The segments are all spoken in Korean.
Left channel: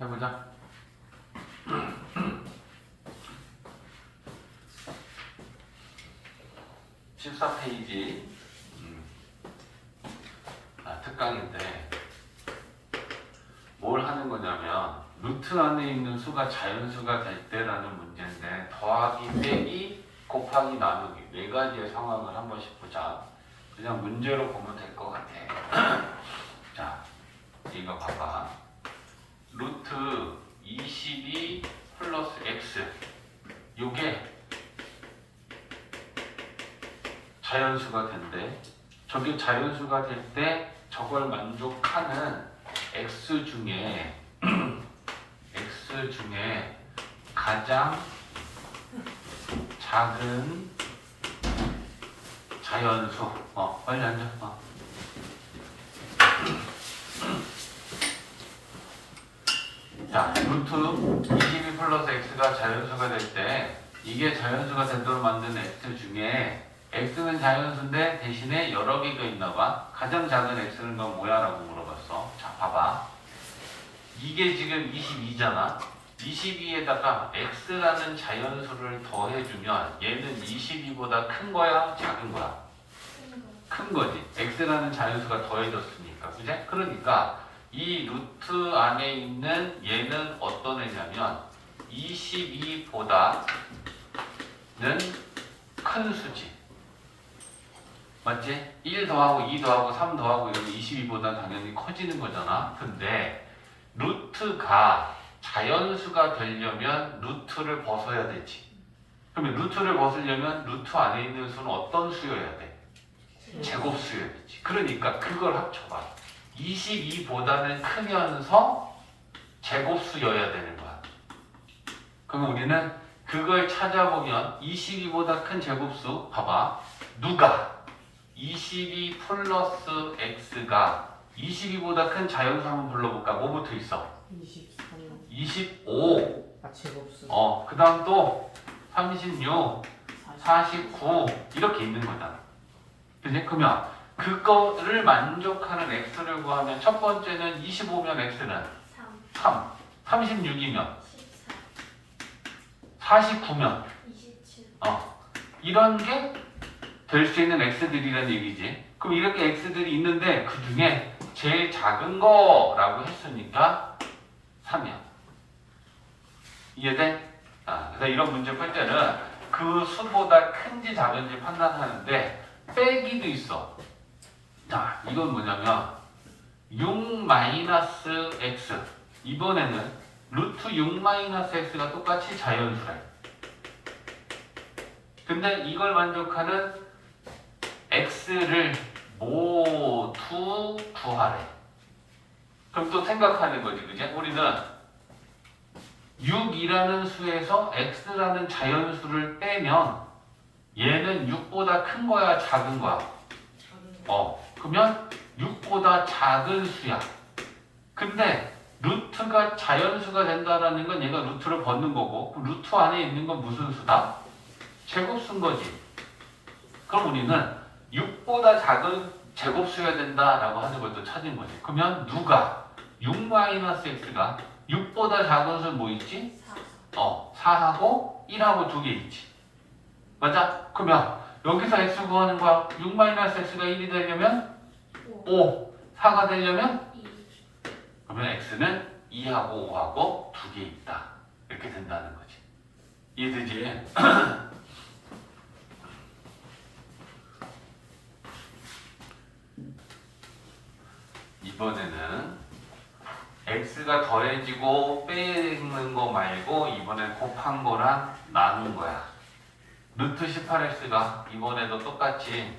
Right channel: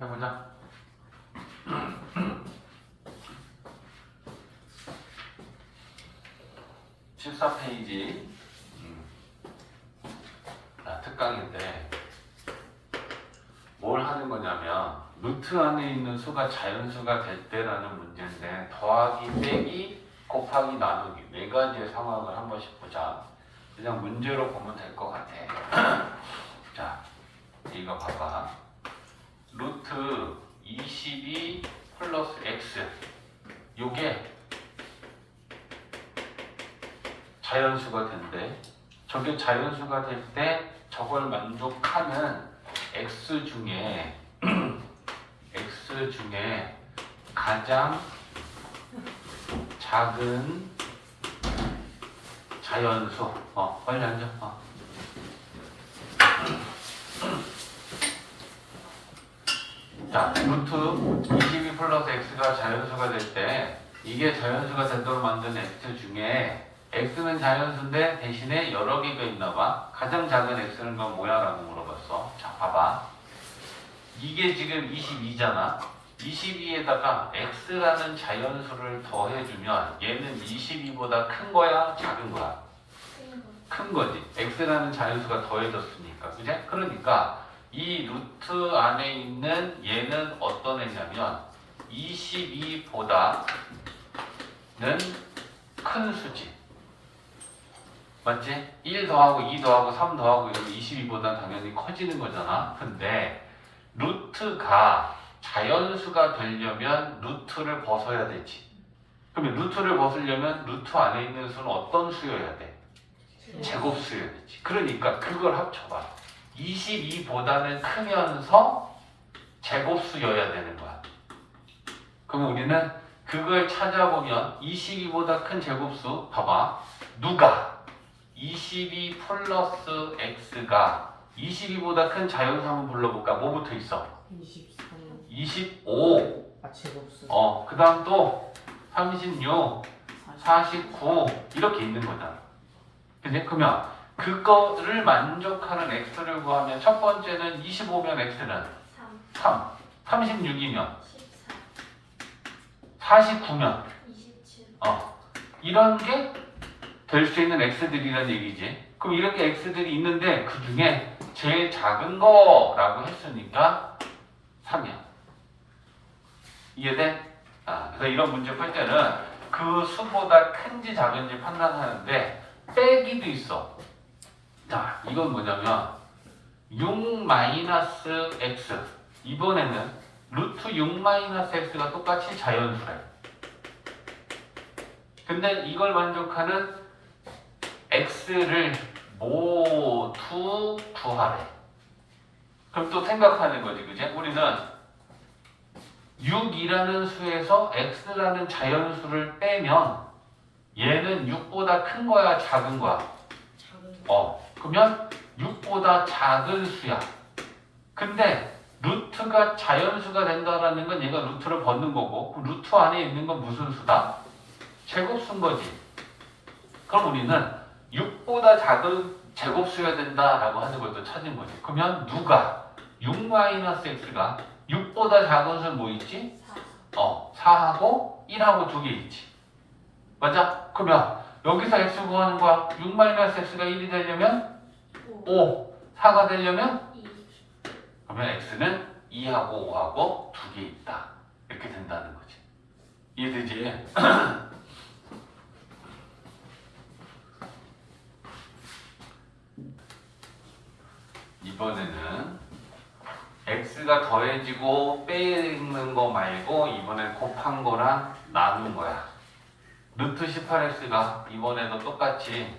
해보자. 14페이지. 특강인데 뭘 하는 거냐면 루트 안에 있는 수가 자연수가 될 때라는 문제인데 더하기, 빼기, 곱하기, 나누기 네 가지의 상황을 한 번씩 보자. 그냥 문제로 보면 될 것 같아. 자, 이거 봐봐. 루트 22 플러스 x 요게 자연수가 된대. 저게 자연수가 될 때 저걸 만족하는 x 중에 가장 작은 자연수. 빨리 앉아. 자, 루트 22 플러스 x가 자연수가 될 때 이게 자연수가 되도록 만든 x 중에 x는 자연수인데 대신에 여러 개가 있나 봐. 가장 작은 x는 건 뭐야? 라고 물어봤어. 자, 봐봐. 이게 지금 22잖아. 22에다가 x라는 자연수를 더해주면 얘는 22보다 큰 거야? 작은 거야? 큰 거지. x라는 자연수가 더해졌으니까. 그지? 그러니까 이 루트 안에 있는 얘는 어떤 애냐면 22보다는 큰 수지. 맞지? 1 더하고 2 더하고 3 더하고 이러면 22보다 당연히 커지는 거잖아. 근데 루트가 자연수가 되려면 루트를 벗어야 되지. 그러면 루트를 벗으려면 루트 안에 있는 수는 어떤 수여야 돼? 제곱수여야 되지. 그러니까 그걸 합쳐봐. 22보다는 크면서 제곱수여야 되는 거야. 그럼 우리는 그걸 찾아보면 22보다 큰 제곱수 봐봐. 누가 22 플러스 x가 22보다 큰 자연수 한번 불러볼까? 뭐부터 있어? 23. 25. 제곱수. 그 다음 또 36, 49 이렇게 있는 거잖아. 그지? 그러면 그거를 만족하는 x를 구하면 첫 번째는 25면 x는 3, 36이면 49면 이런 게 될 수 있는 x들이라는 얘기지. 그럼 이렇게 x들이 있는데 그 중에 제일 작은 거라고 했으니까 3이야. 이해돼? 그래서 이런 문제 풀 때는 그 수보다 큰지 작은지 판단하는데 빼기도 있어. 자, 이건 뭐냐면 6 마이너스 x. 이번에는 루트 6 마이너스 x가 똑같이 자연수래. 근데 이걸 만족하는 x를 모두 구하래. 그럼 또 생각하는 거지, 그지? 우리는 6이라는 수에서 x라는 자연수를 빼면 얘는 6보다 큰 거야, 작은 거야? 그러면 6보다 작은 수야. 근데 루트가 자연수가 된다라는 건 얘가 루트를 벗는 거고, 그럼 루트 안에 있는 건 무슨 수다? 제곱수인 거지. 그럼 우리는 6보다 작은 제곱수여야 된다라고 하는 걸 또 찾은 거지. 그러면 누가 6-x가 6보다 작은 수는 뭐 있지? 4하고 1하고 2개 있지. 맞아? 그러면 여기서 x 구하는 거야. 6-x가 1이 되려면 5, 4가 되려면 그러면 x는 2하고 5하고 2개 있다. 이렇게 된다는 거지. 이해되지? 이번에는 x가 더해지고 빼는 거 말고 이번에 곱한 거랑 나눈 거야. 루트 18x가 이번에도 똑같이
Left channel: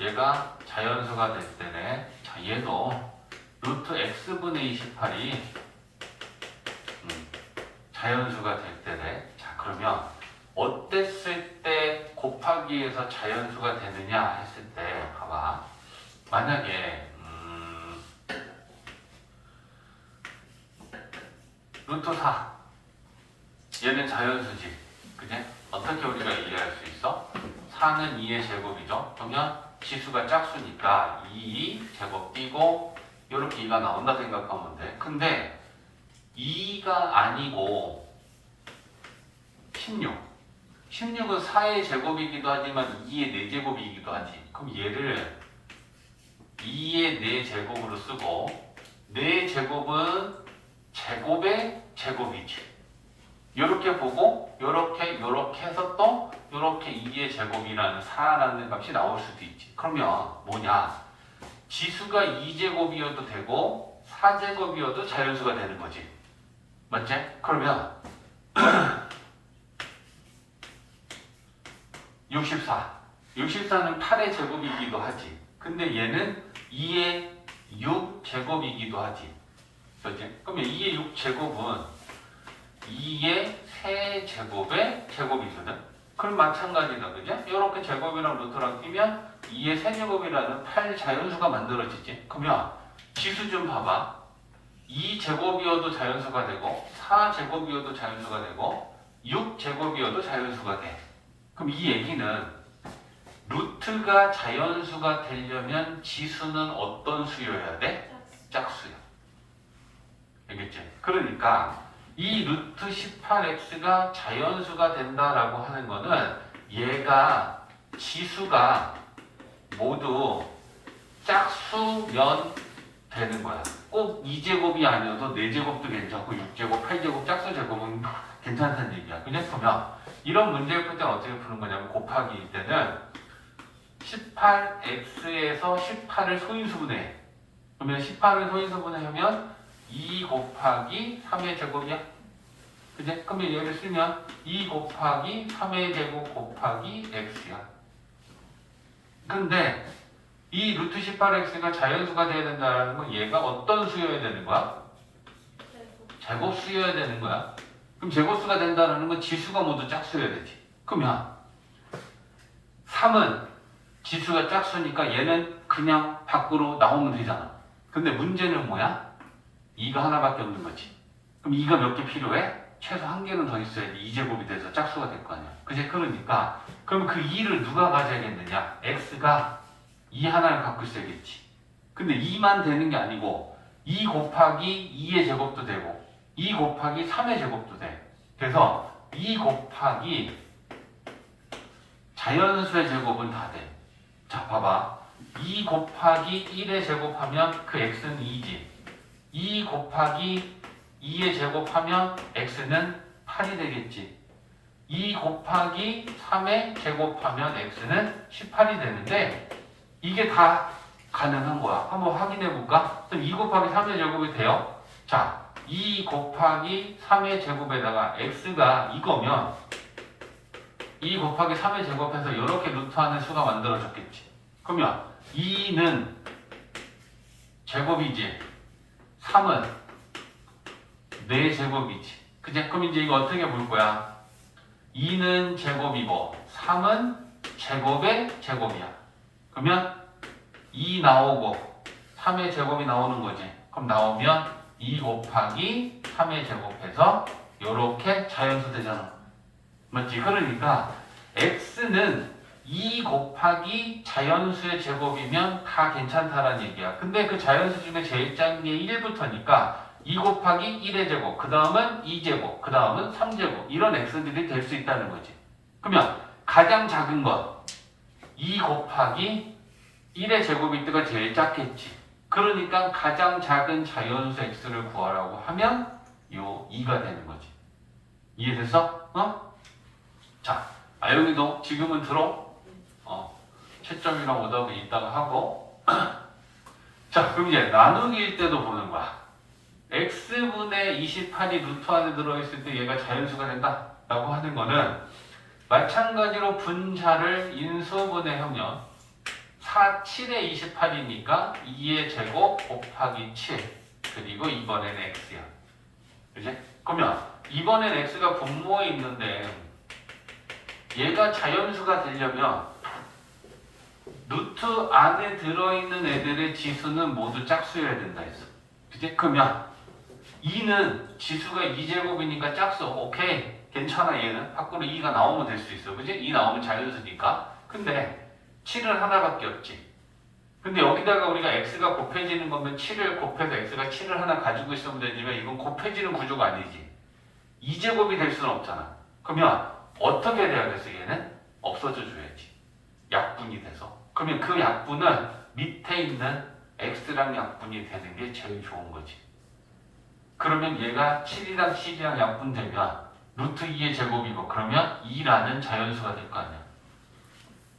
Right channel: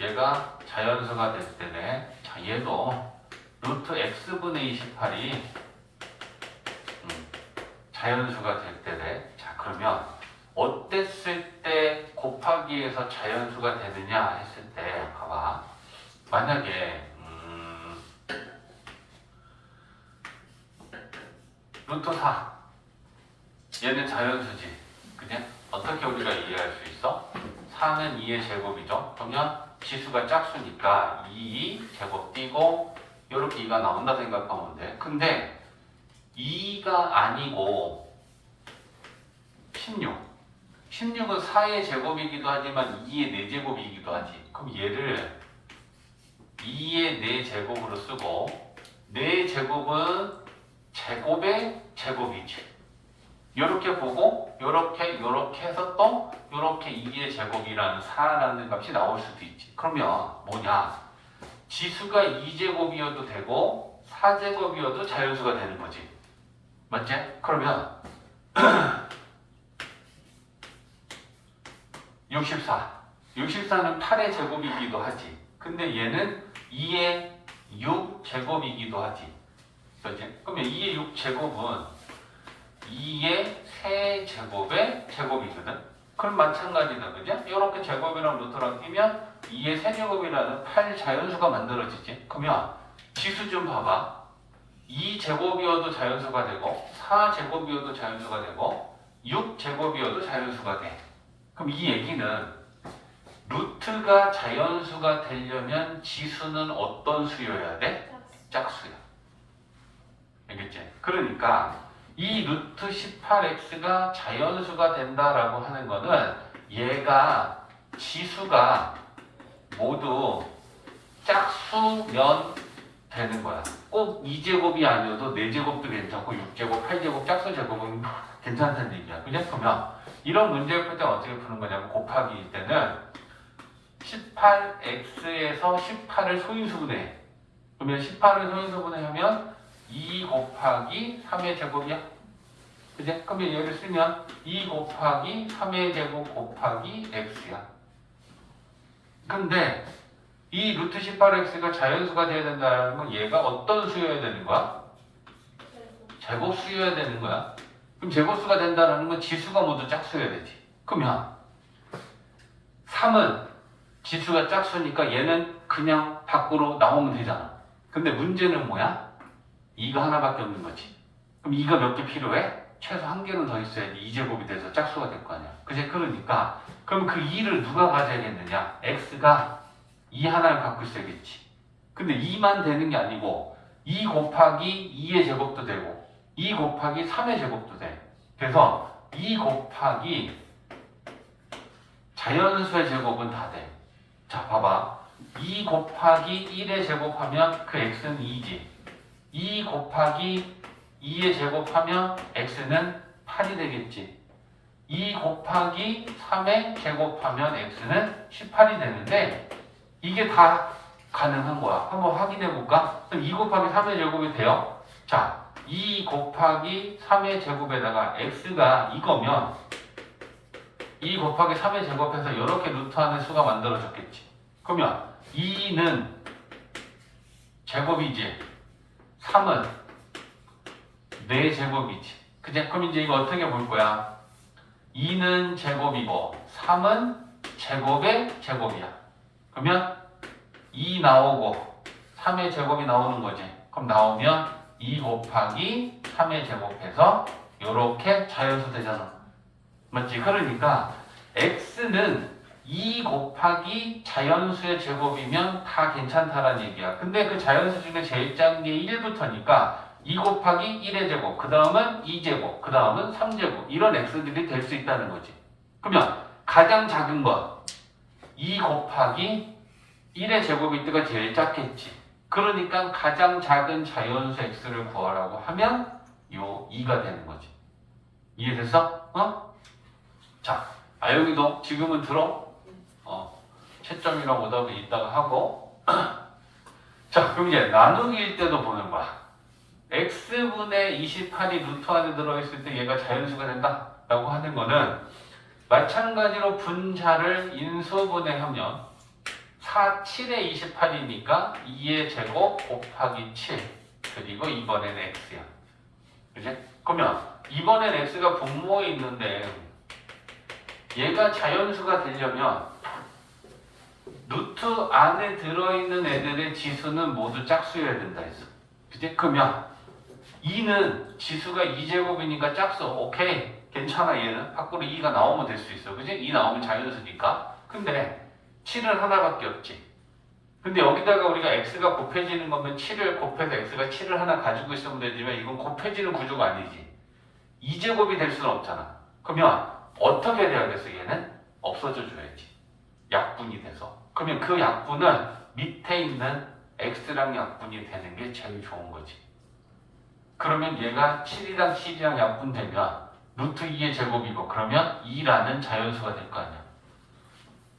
얘가 자연수가 될 때네. 자, 얘도 루트 x분의 28이 자연수가 될 때네. 자, 그러면 어땠을 때 곱하기에서 자연수가 되느냐 했을 때 봐봐. 만약에 루트 4 얘는 자연수지. 그지? 어떻게 우리가 이해할 수 있어? 4는 2의 제곱이죠. 그러면 지수가 짝수니까 2 제곱 띄고 이렇게 2가 나온다 생각하면 돼. 근데 2가 아니고 16. 16은 4의 제곱이기도 하지만 2의 4제곱이기도 하지. 그럼 얘를 2의 4제곱으로 쓰고 4제곱은 제곱의 제곱이지. 이렇게 보고 요렇게 해서 또 요렇게 2의 제곱이라는 4라는 값이 나올 수도 있지. 그러면 뭐냐? 지수가 2제곱이어도 되고 4제곱이어도 자연수가 되는 거지. 맞지? 그러면 64. 64는 8의 제곱이기도 하지. 근데 얘는 2의 6제곱이기도 하지. 그렇지? 그러면 2의 6제곱은 2의 세제곱의 제곱이거든. 그럼 마찬가지다. 그죠? 이렇게 제곱이랑 루트랑 끼면 2의 세제곱이라는 8 자연수가 만들어지지. 그러면 지수 좀 봐봐. 2제곱이어도 자연수가 되고 4제곱이어도 자연수가 되고 6제곱이어도 자연수가 돼. 그럼 이 얘기는 루트가 자연수가 되려면 지수는 어떤 수여야 돼? 짝수야. 알겠지? 그러니까 이 루트 18x가 자연수가 된다라고 하는 거는 얘가 지수가 모두 짝수면 되는 거야. 꼭 2제곱이 아니어도 4제곱도 괜찮고 6제곱, 8제곱, 짝수 제곱은 괜찮다는 얘기야. 그냥 보면 이런 문제를 풀 때 어떻게 푸는 거냐면 곱하기 때는 18x에서 18을 소인수분해. 그러면 18을 소인수분해하면 2 곱하기 3의 제곱이야. 그지? 그러면 얘를 쓰면 2 곱하기 3의 제곱 곱하기 x야. 근데 이 루트 18x가 자연수가 돼야 된다는 건 얘가 어떤 수여야 되는 거야? 제곱수여야 되는 거야. 그럼 제곱수가 된다는 건 지수가 모두 짝수여야 되지. 그러면 3은 지수가 짝수니까 얘는 그냥 밖으로 나오면 되잖아. 근데 문제는 뭐야? 2가 하나밖에 없는 거지. 그럼 2가 몇 개 필요해? 최소 한 개는 더 있어야지 2제곱이 돼서 짝수가 될 거 아니야. 그지? 그러니까 그럼 그 2를 누가 가져야겠느냐? x가 2 하나를 갖고 있어야겠지. 근데 2만 되는 게 아니고 2 곱하기 2의 제곱도 되고 2 곱하기 3의 제곱도 돼. 그래서 2 곱하기 자연수의 제곱은 다 돼. 자, 봐봐. 2 곱하기 1의 제곱하면 그 x는 2지. 2 곱하기 2의 제곱하면 x는 8이 되겠지. 2 곱하기 3의 제곱하면 x는 18이 되는데 이게 다 가능한 거야. 한번 확인해 볼까? 그럼 2 곱하기 3의 제곱이 돼요. 자, 2 곱하기 3의 제곱에다가 x가 이거면 2 곱하기 3의 제곱해서 이렇게 루트하는 수가 만들어졌겠지. 그러면 2는 제곱이지. 3은 4제곱이지. 그치? 그럼 이제 이거 어떻게 볼 거야? 2는 제곱이고 3은 제곱의 제곱이야. 그러면 2 나오고 3의 제곱이 나오는 거지. 그럼 나오면 2 곱하기 3의 제곱해서 이렇게 자연수 되잖아. 맞지? 그러니까 x는 2 곱하기 자연수의 제곱이면 다 괜찮다라는 얘기야. 근데 그 자연수 중에 제일 작은 게 1부터니까 2 곱하기 1의 제곱, 그 다음은 2제곱, 그 다음은 3제곱 이런 x들이 될 수 있다는 거지. 그러면 가장 작은 것 2 곱하기 1의 제곱일 때가 제일 작겠지. 그러니까 가장 작은 자연수 x를 구하라고 하면 요 2가 되는 거지. 이해됐어? 어? 자, 아영이도 지금은 들어? 채점이랑 오답이 이따가 하고 자, 그럼 이제 나누기일 때도 보는 거야. x분의 28이 루트 안에 들어있을 때 얘가 자연수가 된다 라고 하는 거는 마찬가지로 분자를 인수분해하면 7의 28이니까 2의 제곱 곱하기 7 그리고 이번에는 x야. 그치? 그러면 이번엔 x가 분모에 있는데 얘가 자연수가 되려면 루트 안에 들어있는 애들의 지수는 모두 짝수여야 된다 했어. 그치? 그러면 2는 지수가 2제곱이니까 짝수. 오케이. 괜찮아 얘는. 밖으로 2가 나오면 될 수 있어. 그치? 2 나오면 자연수니까. 근데 7은 하나밖에 없지. 근데 여기다가 우리가 x가 곱해지는 거면 7을 곱해서 x가 7을 하나 가지고 있으면 되지만 이건 곱해지는 구조가 아니지. 2제곱이 될 수는 없잖아. 그러면 어떻게 돼야겠어? 얘는 없어져 줘야지. 약분이 돼서. 그러면 그 약분은 밑에 있는 x랑 약분이 되는 게 제일 좋은 거지. 그러면 얘가 7이랑 12랑 약분되면 루트 2의 제곱이고 그러면 2라는 자연수가 될 거 아니야.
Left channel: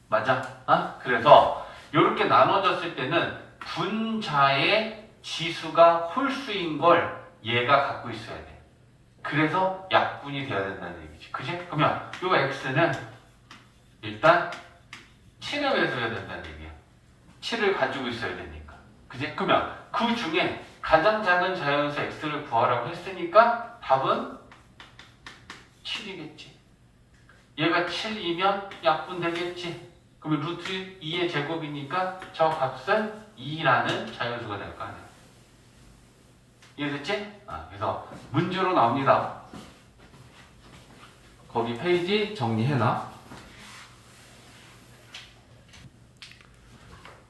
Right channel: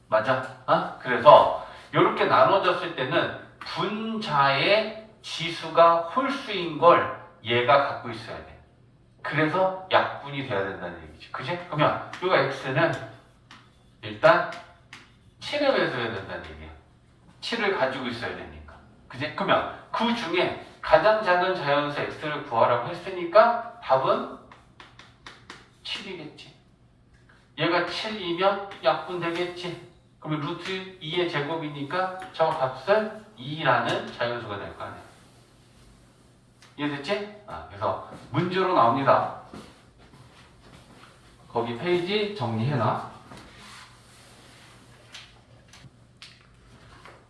맞아? 어? 그래서 이렇게 나눠졌을 때는 분자의 지수가 홀수인 걸 얘가 갖고 있어야 돼. 그래서 약분이 돼야 된다는 얘기지. 그지? 그러면 이 x는 일단 7을 해줘야 된다는 얘기야. 7을 가지고 있어야 되니까. 그지? 그러면 그 중에 가장 작은 자연수 x를 구하라고 했으니까 답은 7이겠지. 얘가 7이면 약분 되겠지. 그러면 루트 2의 제곱이니까 저 값은 2라는 자연수가 될 거 아니야. 이해됐지? 그래서 문제로 나옵니다. 거기 페이지 정리해놔.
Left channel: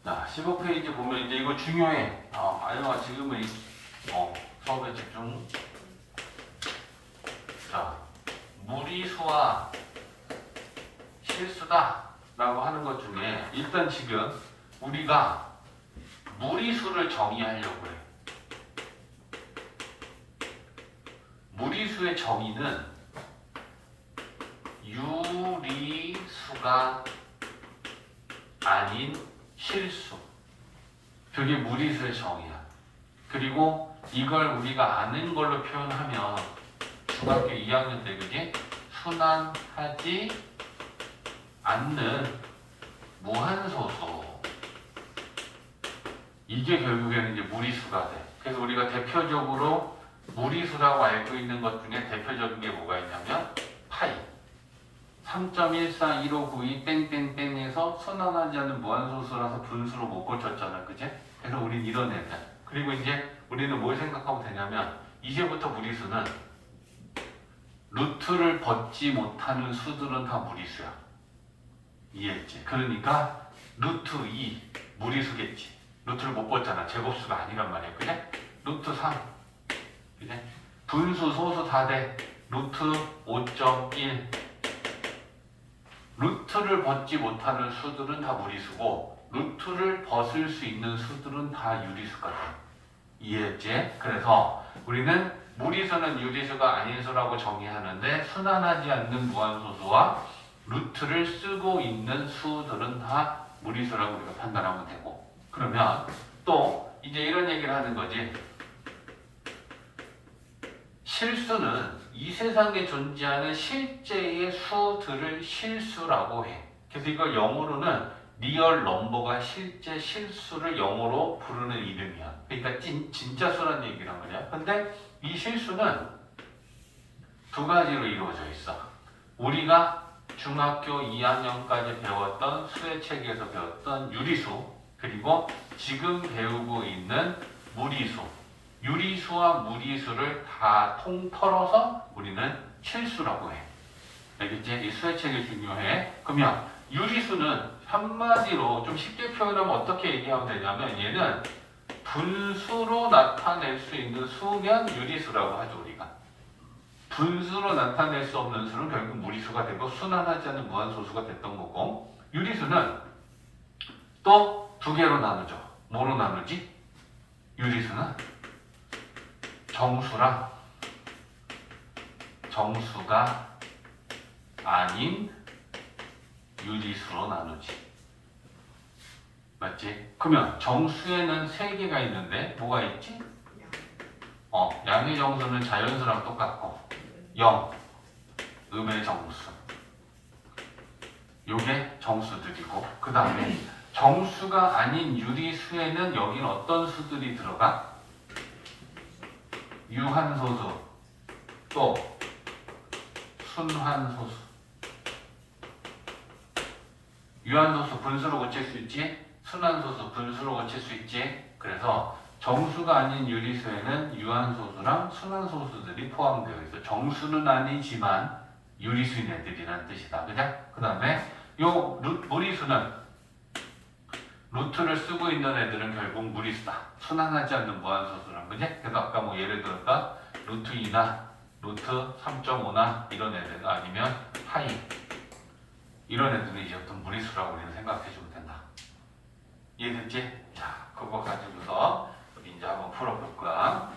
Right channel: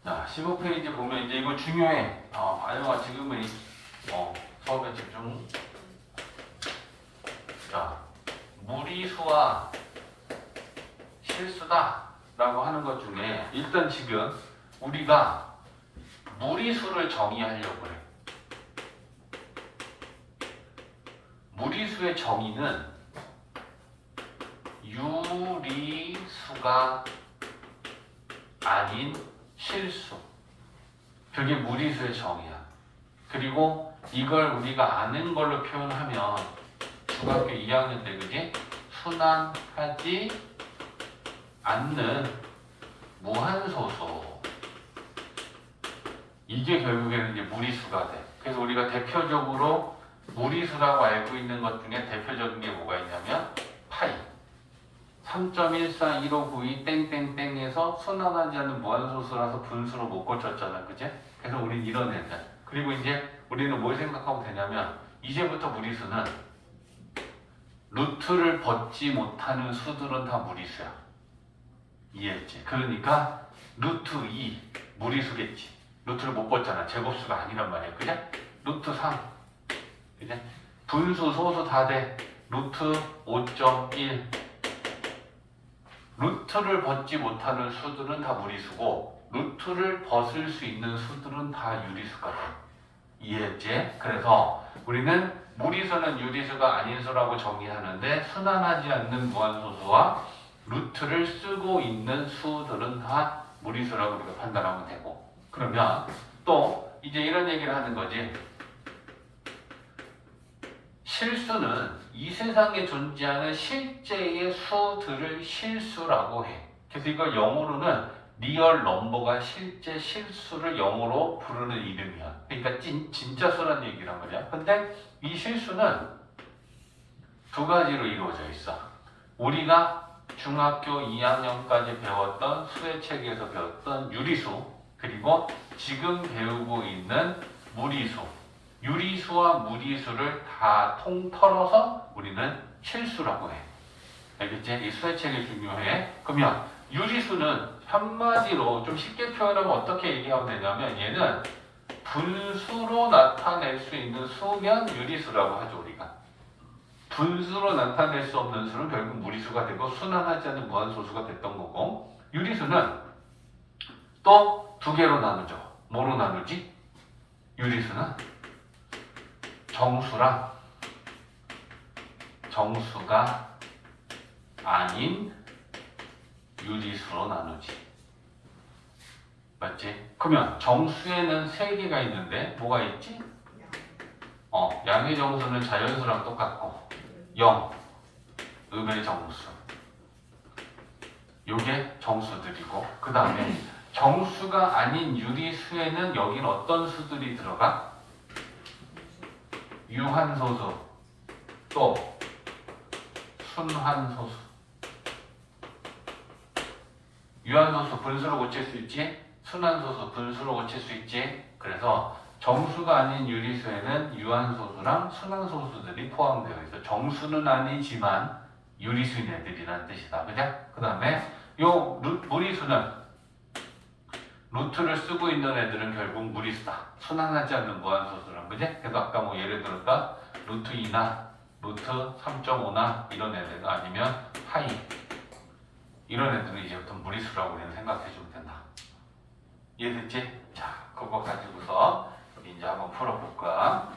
자, 15페이지 보면 이제 이거 중요해. 알마 지금은 수업에 집중. 자, 무리수와 실수다 라고 하는 것 중에 일단 지금 우리가 무리수를 정의하려고 해. 무리수의 정의는 유리수가 아닌 실수. 그게 무리수의 정의야. 그리고 이걸 우리가 아는 걸로 표현하면 중학교 2학년 때 그게 순환하지 않는 무한소수. 이게 결국에는 이제 무리수가 돼. 그래서 우리가 대표적으로 무리수라고 알고 있는 것 중에 대표적인 게 뭐가 있냐면 파이. 3.141592 땡땡땡에서 순환하지 않는 무한소수라서 분수로 못 고쳤잖아. 그지? 그래서 우린 이런 애들. 그리고 이제 우리는 뭘 생각하면 되냐면 이제부터 무리수는 루트를 벗지 못하는 수들은 다 무리수야. 이해했지? 그러니까 루트 2 무리수겠지. 루트를 못 벗잖아. 제곱수가 아니란 말이야. 그래? 루트 3 그래? 분수, 소수 다 돼. 루트 5.1 루트를 벗지 못하는 수들은 다 무리수고 루트를 벗을 수 있는 수들은 다 유리수가 돼. 이해했지? 그래서 우리는 무리수는 유리수가 아닌 수라고 정의하는데 순환하지 않는 무한소수와 루트를 쓰고 있는 수들은 다 무리수라고 우리가 판단하면 되고. 그러면 또 이제 이런 얘기를 하는 거지. 실수는 이 세상에 존재하는 실제의 수들을 실수라고 해. 그래서 이걸 영어로는 리얼 넘버가 실제 실수를 영어로 부르는 이름이야. 그러니까 진짜 수란 얘기란 거냐. 근데 이 실수는 두 가지로 이루어져 있어. 우리가 중학교 2학년까지 배웠던 수의 책에서 배웠던 유리수, 그리고 지금 배우고 있는 무리수. 유리수와 무리수를 다 통틀어서 우리는 실수라고 해. 알겠지? 이 수의 책이 중요해. 그러면 유리수는 한마디로 좀 쉽게 표현하면 어떻게 얘기하면 되냐면 얘는 분수로 나타낼 수 있는 수면 유리수라고 하죠, 우리가. 분수로 나타낼 수 없는 수는 결국 무리수가 되고 순환하지 않는 무한소수가 됐던 거고, 유리수는 또 두 개로 나누죠. 뭐로 나누지? 유리수는 정수랑 정수가 아닌 유리수로 나누지. 맞지? 그러면 정수에는 세 개가 있는데 뭐가 있지? 양의 정수는 자연수랑 똑같고 0, 음의 정수. 요게 정수들이고, 그 다음에 정수가 아닌 유리수에는 여긴 어떤 수들이 들어가? 유한소수, 또 순환소수. 유한소수 분수로 고칠 수 있지? 순환소수 분수로 고칠 수 있지? 그래서 정수가 아닌 유리수에는 유한소수랑 순환소수들이 포함되어 있어. 정수는 아니지만 유리수인 애들이라는 뜻이다. 그죠? 그 다음에 요 무리수는 루트를 쓰고 있는 애들은 결국 무리수다. 순환하지 않는 무한소수란 그지? 그래서 아까 뭐 예를 들었다 루트 2나 루트 3.5나 이런 애들 아니면 파이 이런 애들은 이제부터 무리수라고 우리는 생각해주면 된다. 이해됐지? 자, 그거 가지고서 우리 이제 한번 풀어볼 거야.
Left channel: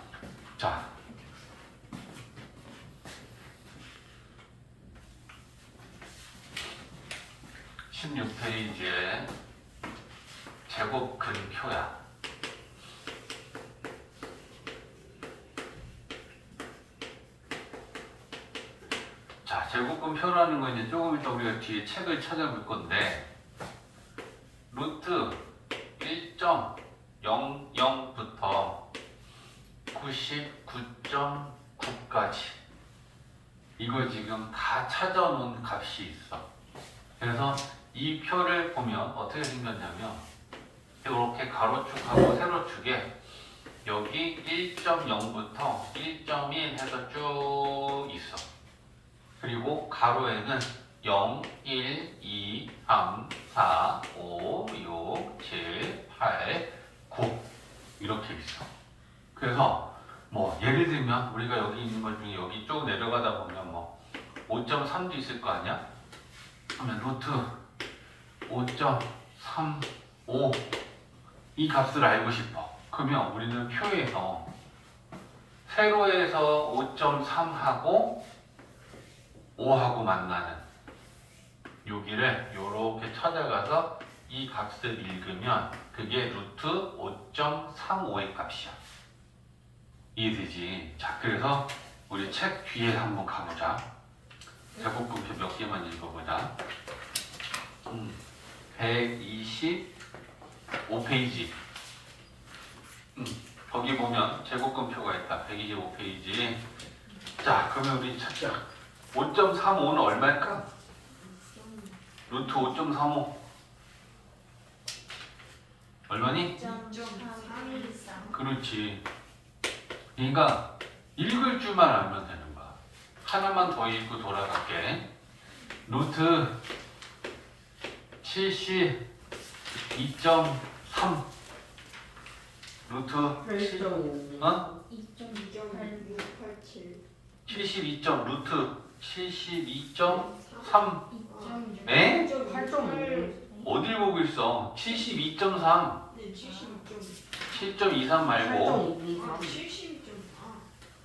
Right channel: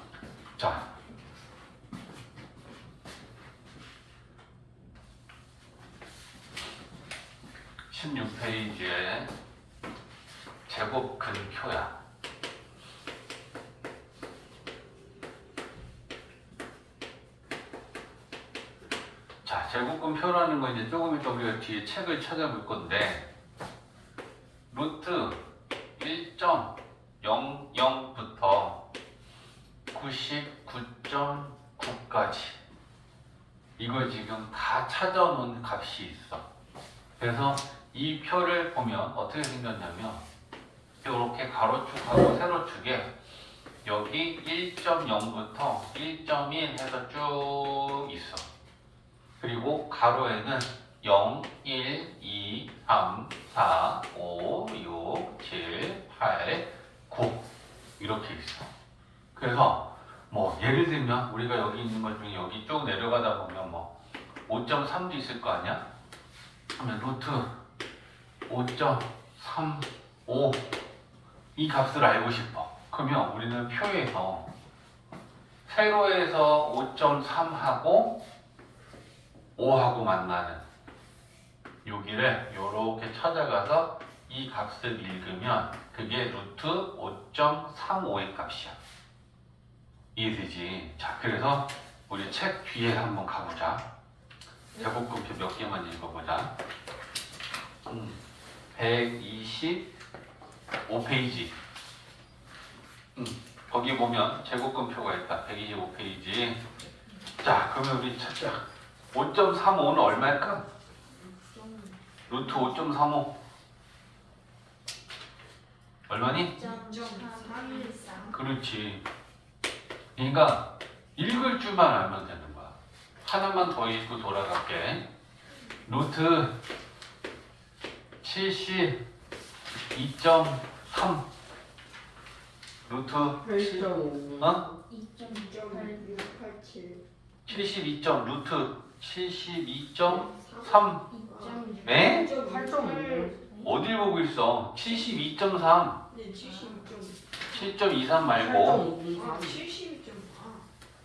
자, 16페이지에 제곱근표야. 자, 제곱근표라는 건 이제 조금 이따 우리가 뒤에 책을 찾아볼 건데 루트 1.00부터 99.9까지 이걸 지금 다 찾아놓은 값이 있어. 그래서 이 표를 보면 어떻게 생겼냐면 이렇게 가로축하고 세로축에 여기 1.0부터 1.1 해서 쭉 있어. 그리고 가로에는 0, 1, 2, 3, 4, 5, 6, 7, 8, 9 이렇게 있어. 그래서 뭐 예를 들면 우리가 여기 있는 것 중에 여기 쭉 내려가다 보면 뭐 5.3도 있을 거 아니야? 그러면 루트 5.35 이 값을 알고 싶어. 그러면 우리는 표에서 세로에서 5.3하고 5하고 만나는 여기를 이렇게 찾아가서 이 값을 읽으면 그게 루트 5.35의 값이야. 이해되지? 자, 그래서 우리 책 뒤에 한번 가보자. 제곱근표 몇 개만 읽어보자. 125페이지. 거기 보면 제곱근표가 있다. 125페이지. 자, 그러면 우리 찾자. 5.35는 얼마일까? 루트 5.35 얼마니? 2.313. 그렇지. 그러니까 읽을 줄만 알면 되는 거야. 하나만 더 읽고 돌아갈게. 루트 72.3 루트 8.5 어? 2.687. 72점 루트 72.3 네? 8.5 어딜 보고 있어? 72.3 네, 72.3. 7.23 말고 8.5 72.4.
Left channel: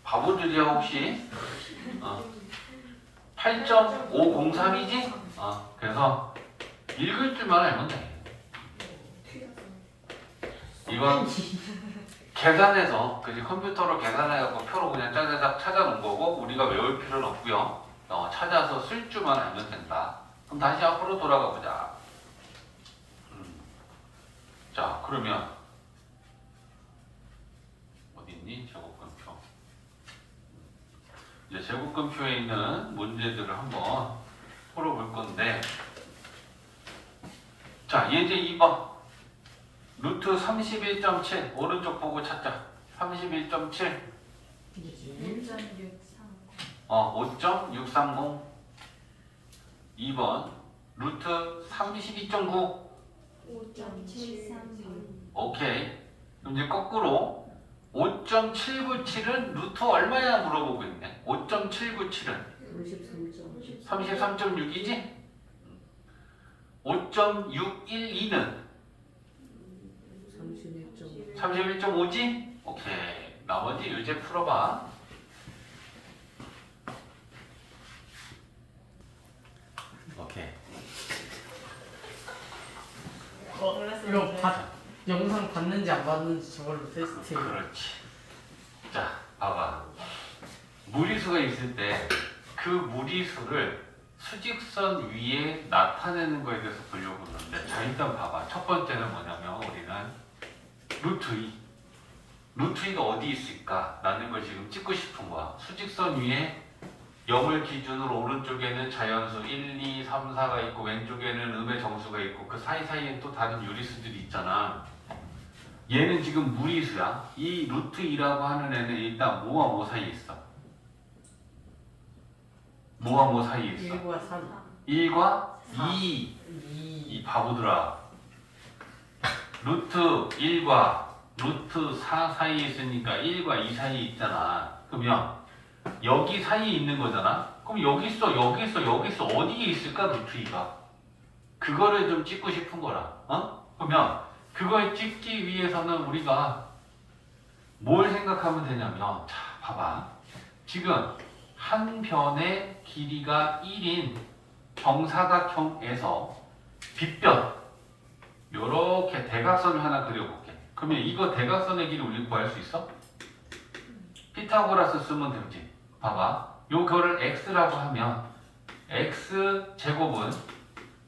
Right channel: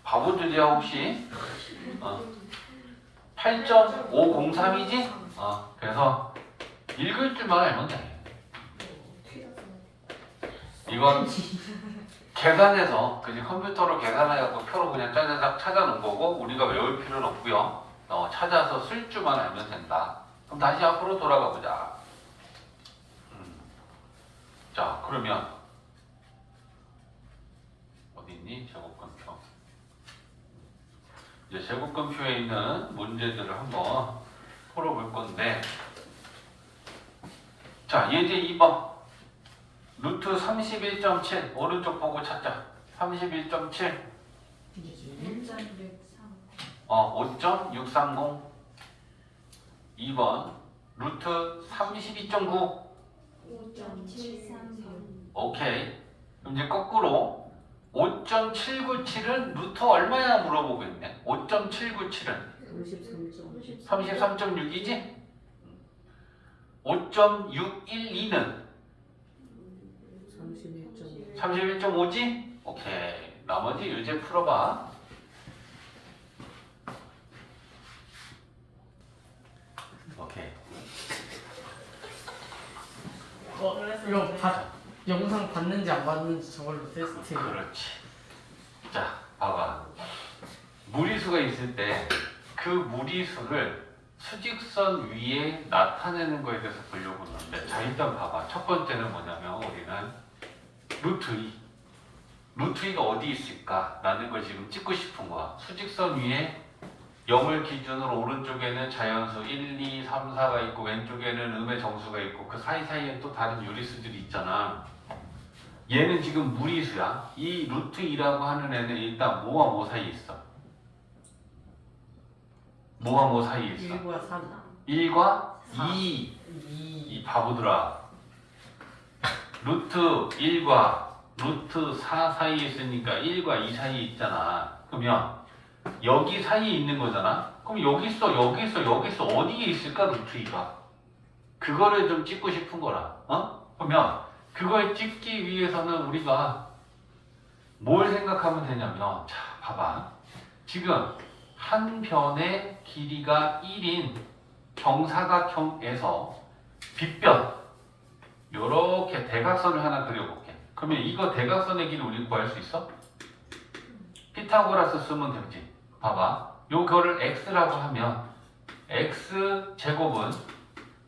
바보들이야 혹시? 8.503이지? 그래서 읽을 줄만 알면 돼. 이건 계산해서 그지 컴퓨터로 계산해갖고 표로 그냥 짜자작 찾아놓은 거고 우리가 외울 필요는 없고요. 찾아서 쓸 줄만 알면 된다. 그럼 다시 앞으로 돌아가 보자. 자, 그러면 어디 있니? 제곱근표. 이제 제곱근표에 있는 문제들을 한번 풀어볼 건데, 자, 예제 2번. 루트 31.7 오른쪽 보고 찾자. 31.7 5.630. 5.630 2번 루트 32.9 5.736. 오케이. 그럼 이제 거꾸로 5.797은 루트 얼마야 물어보고 있네. 5.797은 33.6이지? 5.612는 31.5지? 오케이. 나머지 일제 풀어봐. 오케이. 이거 영상 봤는지 안 봤는지 저걸로 테스트. 그렇지. 자, 봐봐. 무리수가 있을 때 그 무리수를 수직선 위에 나타내는 거에 대해서 보려고 하는데, 자, 일단 봐봐. 첫 번째는 뭐냐면 우리는 루트 2. 루트 2가 어디 있을까? 라는 걸 지금 찍고 싶은 거야. 수직선 위에 0을 기준으로 오른쪽에는 자연수 1, 2, 3, 4가 있고 왼쪽에는 음의 정수가 있고 그 사이사이에 또 다른 유리수들이 있잖아. 얘는 지금 무리수야. 이 루트 2라고 하는 애는 일단 뭐와 뭐 사이에 있어? 뭐와 뭐 사이에 있어? 1과 3 1과 4. 2. 2 이 바보들아. 루트 1과 루트 4 사이에 있으니까 1과 2 사이에 있잖아. 그러면 여기 사이에 있는 거잖아. 그럼 여기 있어, 여기 있어, 여기 있어. 어디에 있을까 루트 2가? 그거를 좀 찍고 싶은 거라. 그러면 그걸 찍기 위해서는 우리가 뭘 생각하면 되냐면, 자, 봐봐. 지금 한 변의 길이가 1인 정사각형에서 빗변, 요렇게 대각선을 하나 그려볼게. 그러면 이거 대각선의 길이 우리 구할 수 있어? 피타고라스 쓰면 되지. 봐봐. 요거를 x라고 하면 x제곱은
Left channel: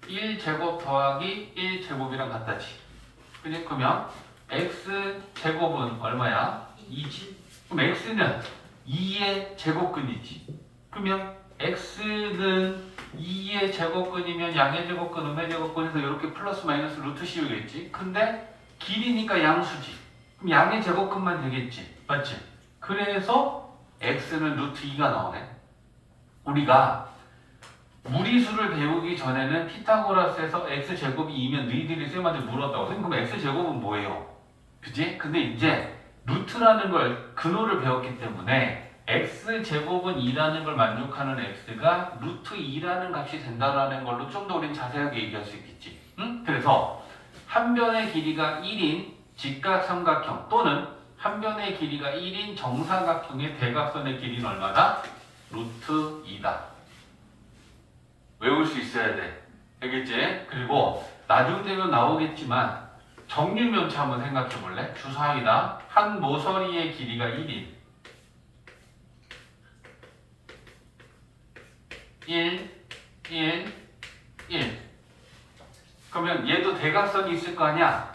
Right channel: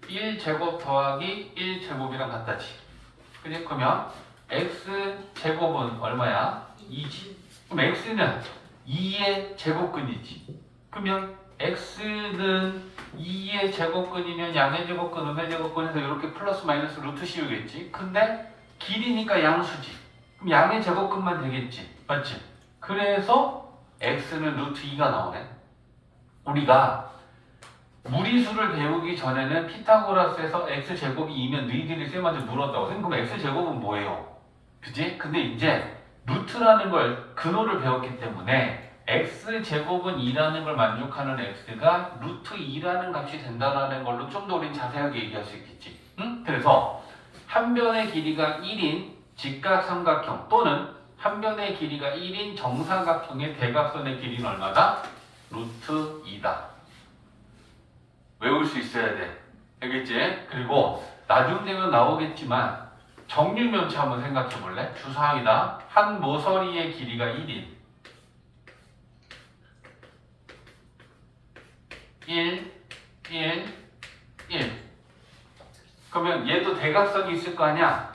1제곱 더하기 1제곱이랑 같다지. 그지? 그러면 x제곱은 얼마야? 2지. 그럼 x는 2의 제곱근이지. 그러면 x는 2의 제곱근이면 양의 제곱근, 음의 제곱근에서 이렇게 플러스 마이너스 루트 씌우겠지. 근데 길이니까 양수지. 그럼 양의 제곱근만 되겠지. 맞지? 그래서 x는 루트 2가 나오네. 우리가 무리수를 배우기 전에는 피타고라스에서 x제곱이 2면 너희들이 쌤한테 물었다고. 그럼 x제곱은 뭐예요? 그지? 근데 이제 루트라는 걸 근호를 배웠기 때문에 x제곱은 2라는 걸 만족하는 x가 루트 2라는 값이 된다라는 걸로 좀 더 우린 자세하게 얘기할 수 있겠지. 응? 그래서 한 변의 길이가 1인 직각삼각형 또는 한 변의 길이가 1인 정사각형의 대각선의 길이는 얼마다? 루트 2다. 외울 수 있어야 돼. 알겠지? 그리고 나중 되면 나오겠지만 정류면체 한번 생각해 볼래? 주사위다. 한 모서리의 길이가 1인 1, 1, 1. 그러면 얘도 대각선이 있을 거 아니야?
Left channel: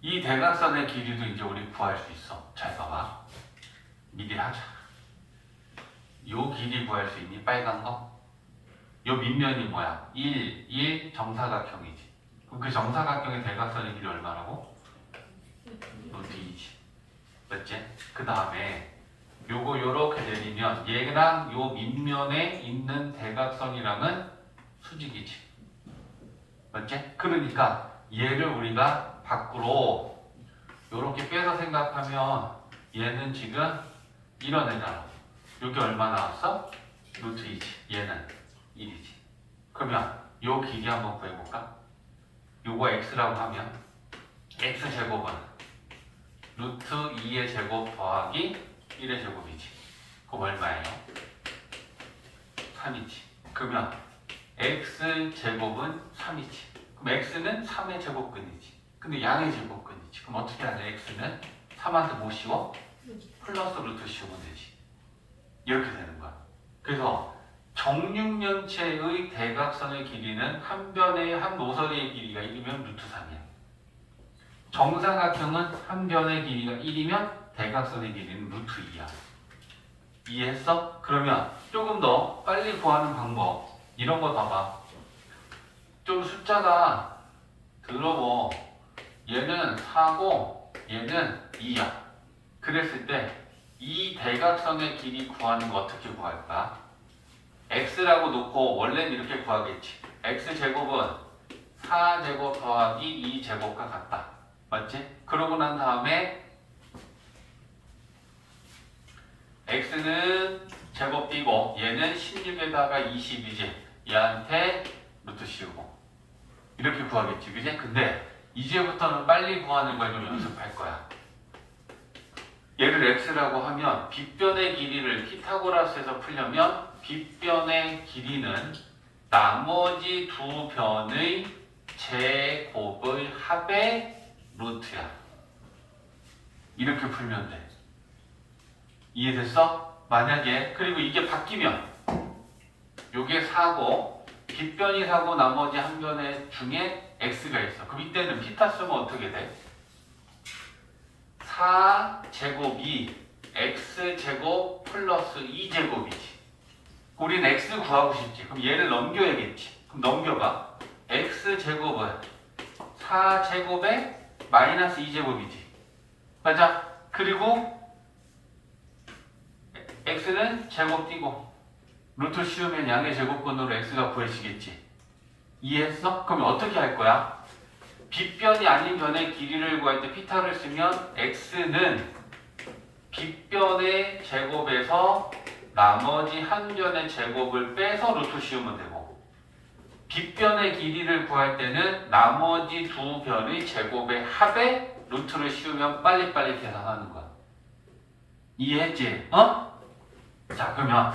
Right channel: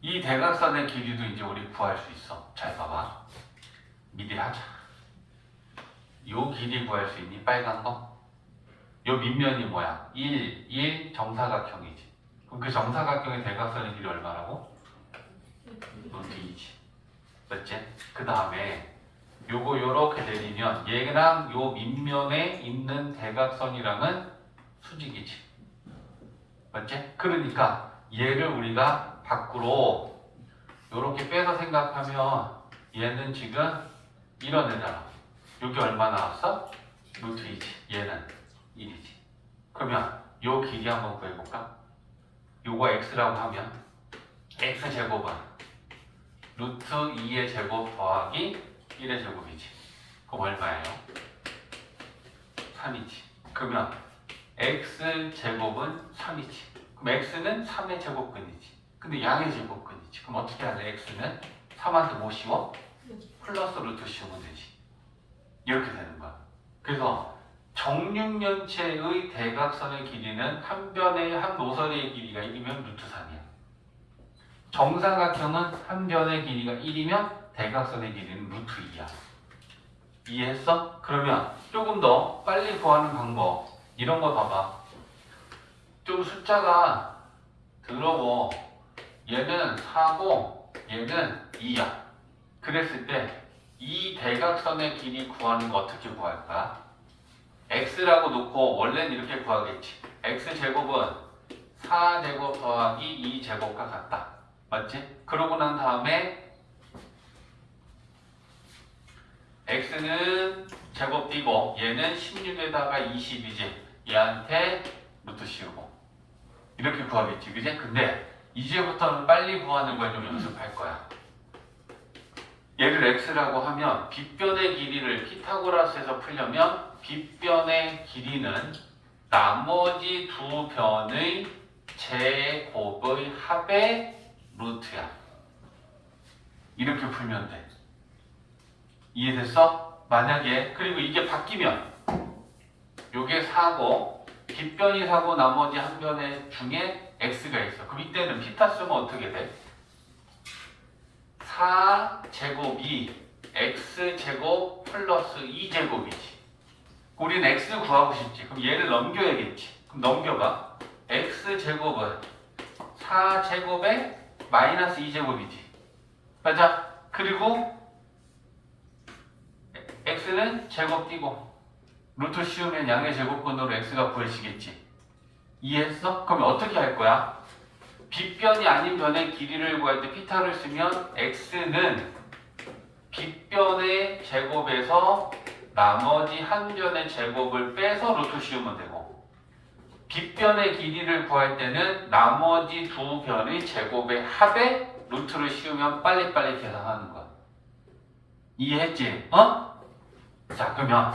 이 대각선의 길이도 이제 우리 구할 수 있어. 잘 봐봐. 미리 하자. 요 길이 구할 수 있니? 빨간 거? 요 밑면이 뭐야? 1, 1 정사각형이지. 그럼 그 정사각형의 대각선의 길이 얼마라고? 루트 2지. 맞지? 그 다음에 요거 요렇게 내리면 얘랑 요 밑면에 있는 대각선이랑은 수직이지. 맞지? 그러니까 얘를 우리가 밖으로 요렇게 빼서 생각하면 얘는 지금 이런 애잖아. 여기 얼마 나왔어? 루트 2지. 얘는 1이지. 그러면 요 길이 한번 구해볼까? 요거 x라고 하면 x제곱은 루트 2의 제곱 더하기 1의 제곱이지. 그럼 얼마예요? 3이지. 그러면 x제곱은 3이지. 그럼 x는 3의 제곱근이지. 근데 양의 제곱근이지. 그럼 어떻게 하냐? x는 3한테 뭐 씌워? 플러스 루트 씌우면 되지. 이렇게 되는 거야. 그래서 정육면체의 대각선의 길이는 한 변의 한 모서리의 길이가 1이면 루트 3이야. 정사각형은 한 변의 길이가 1이면 대각선의 길이는 루트 2야. 이해했어? 그러면 조금 더 빨리 구하는 방법 이런 거 봐봐. 좀 숫자가 들어고 얘는 4고 얘는 2야. 그랬을 때 이 대각선의 길이 구하는 거 어떻게 구할까? x라고 놓고 원래는 이렇게 구하겠지. x제곱은 4제곱 더하기 2제곱과 같다. 맞지? 그러고 난 다음에 x는 제곱 띄고 얘는 16에다가 20이지. 얘한테 루트 씌우고 이렇게 구하겠지. 그지? 근데 이제부터는 빨리 구하는 걸 좀 연습할 거야. 얘를 x라고 하면 빗변의 길이를 피타고라스에서 풀려면 빗변의 길이는 나머지 두 변의 제곱의 합의 루트야. 이렇게 풀면 돼. 이해됐어? 만약에 그리고 이게 바뀌면 요게 4고 빗변이 4고 나머지 한 변의 중에 x가 있어. 그럼 이때는 피타 쓰면 어떻게 돼? 4제곱이 x제곱 플러스 2제곱이지. 우린 x 구하고 싶지. 그럼 얘를 넘겨야겠지. 그럼 넘겨봐. x제곱은 4제곱에 마이너스 2제곱이지. 맞아? 그리고 x는 제곱 띄고 루트 씌우면 양의 제곱근으로 x가 구해지겠지. 이해했어? 그럼 어떻게 할 거야? 빗변이 아닌 변의 길이를 구할 때 피타를 쓰면 x는 빗변의 제곱에서 나머지 한 변의 제곱을 빼서 루트 씌우면 되고, 빗변의 길이를 구할 때는 나머지 두 변의 제곱의 합에 루트를 씌우면 빨리빨리 계산하는 거야. 이해했지? 어? 자, 그러면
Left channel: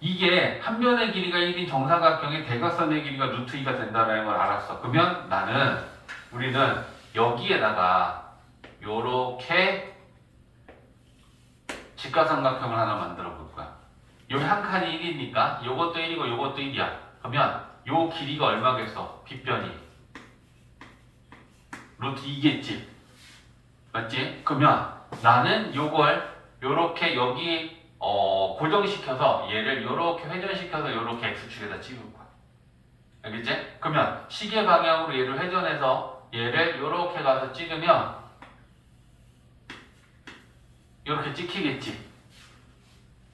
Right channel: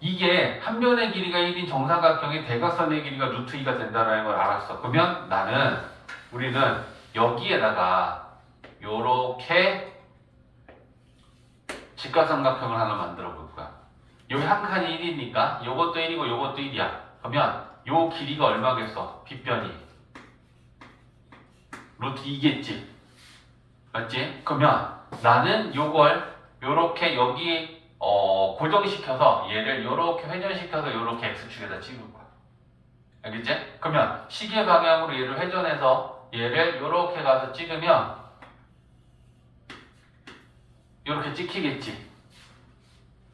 이게 한 변의 길이가 1인 정사각형의 대각선의 길이가 루트 2가 된다는 걸 알았어. 그러면 우리는 여기에다가 요렇게 직각삼각형을 하나 만들어 볼 거야. 여기 한 칸이 1이니까 요것도 1이고 요것도 1이야. 그러면 요 길이가 얼마겠어? 빗변이 루트 2겠지. 맞지? 그러면 나는 요걸 요렇게 여기 고정시켜서 얘를 요렇게 회전시켜서 요렇게 x축에다 찍을 거야. 알겠지? 그러면 시계 방향으로 얘를 회전해서 얘를 요렇게 가서 찍으면 요렇게 찍히겠지.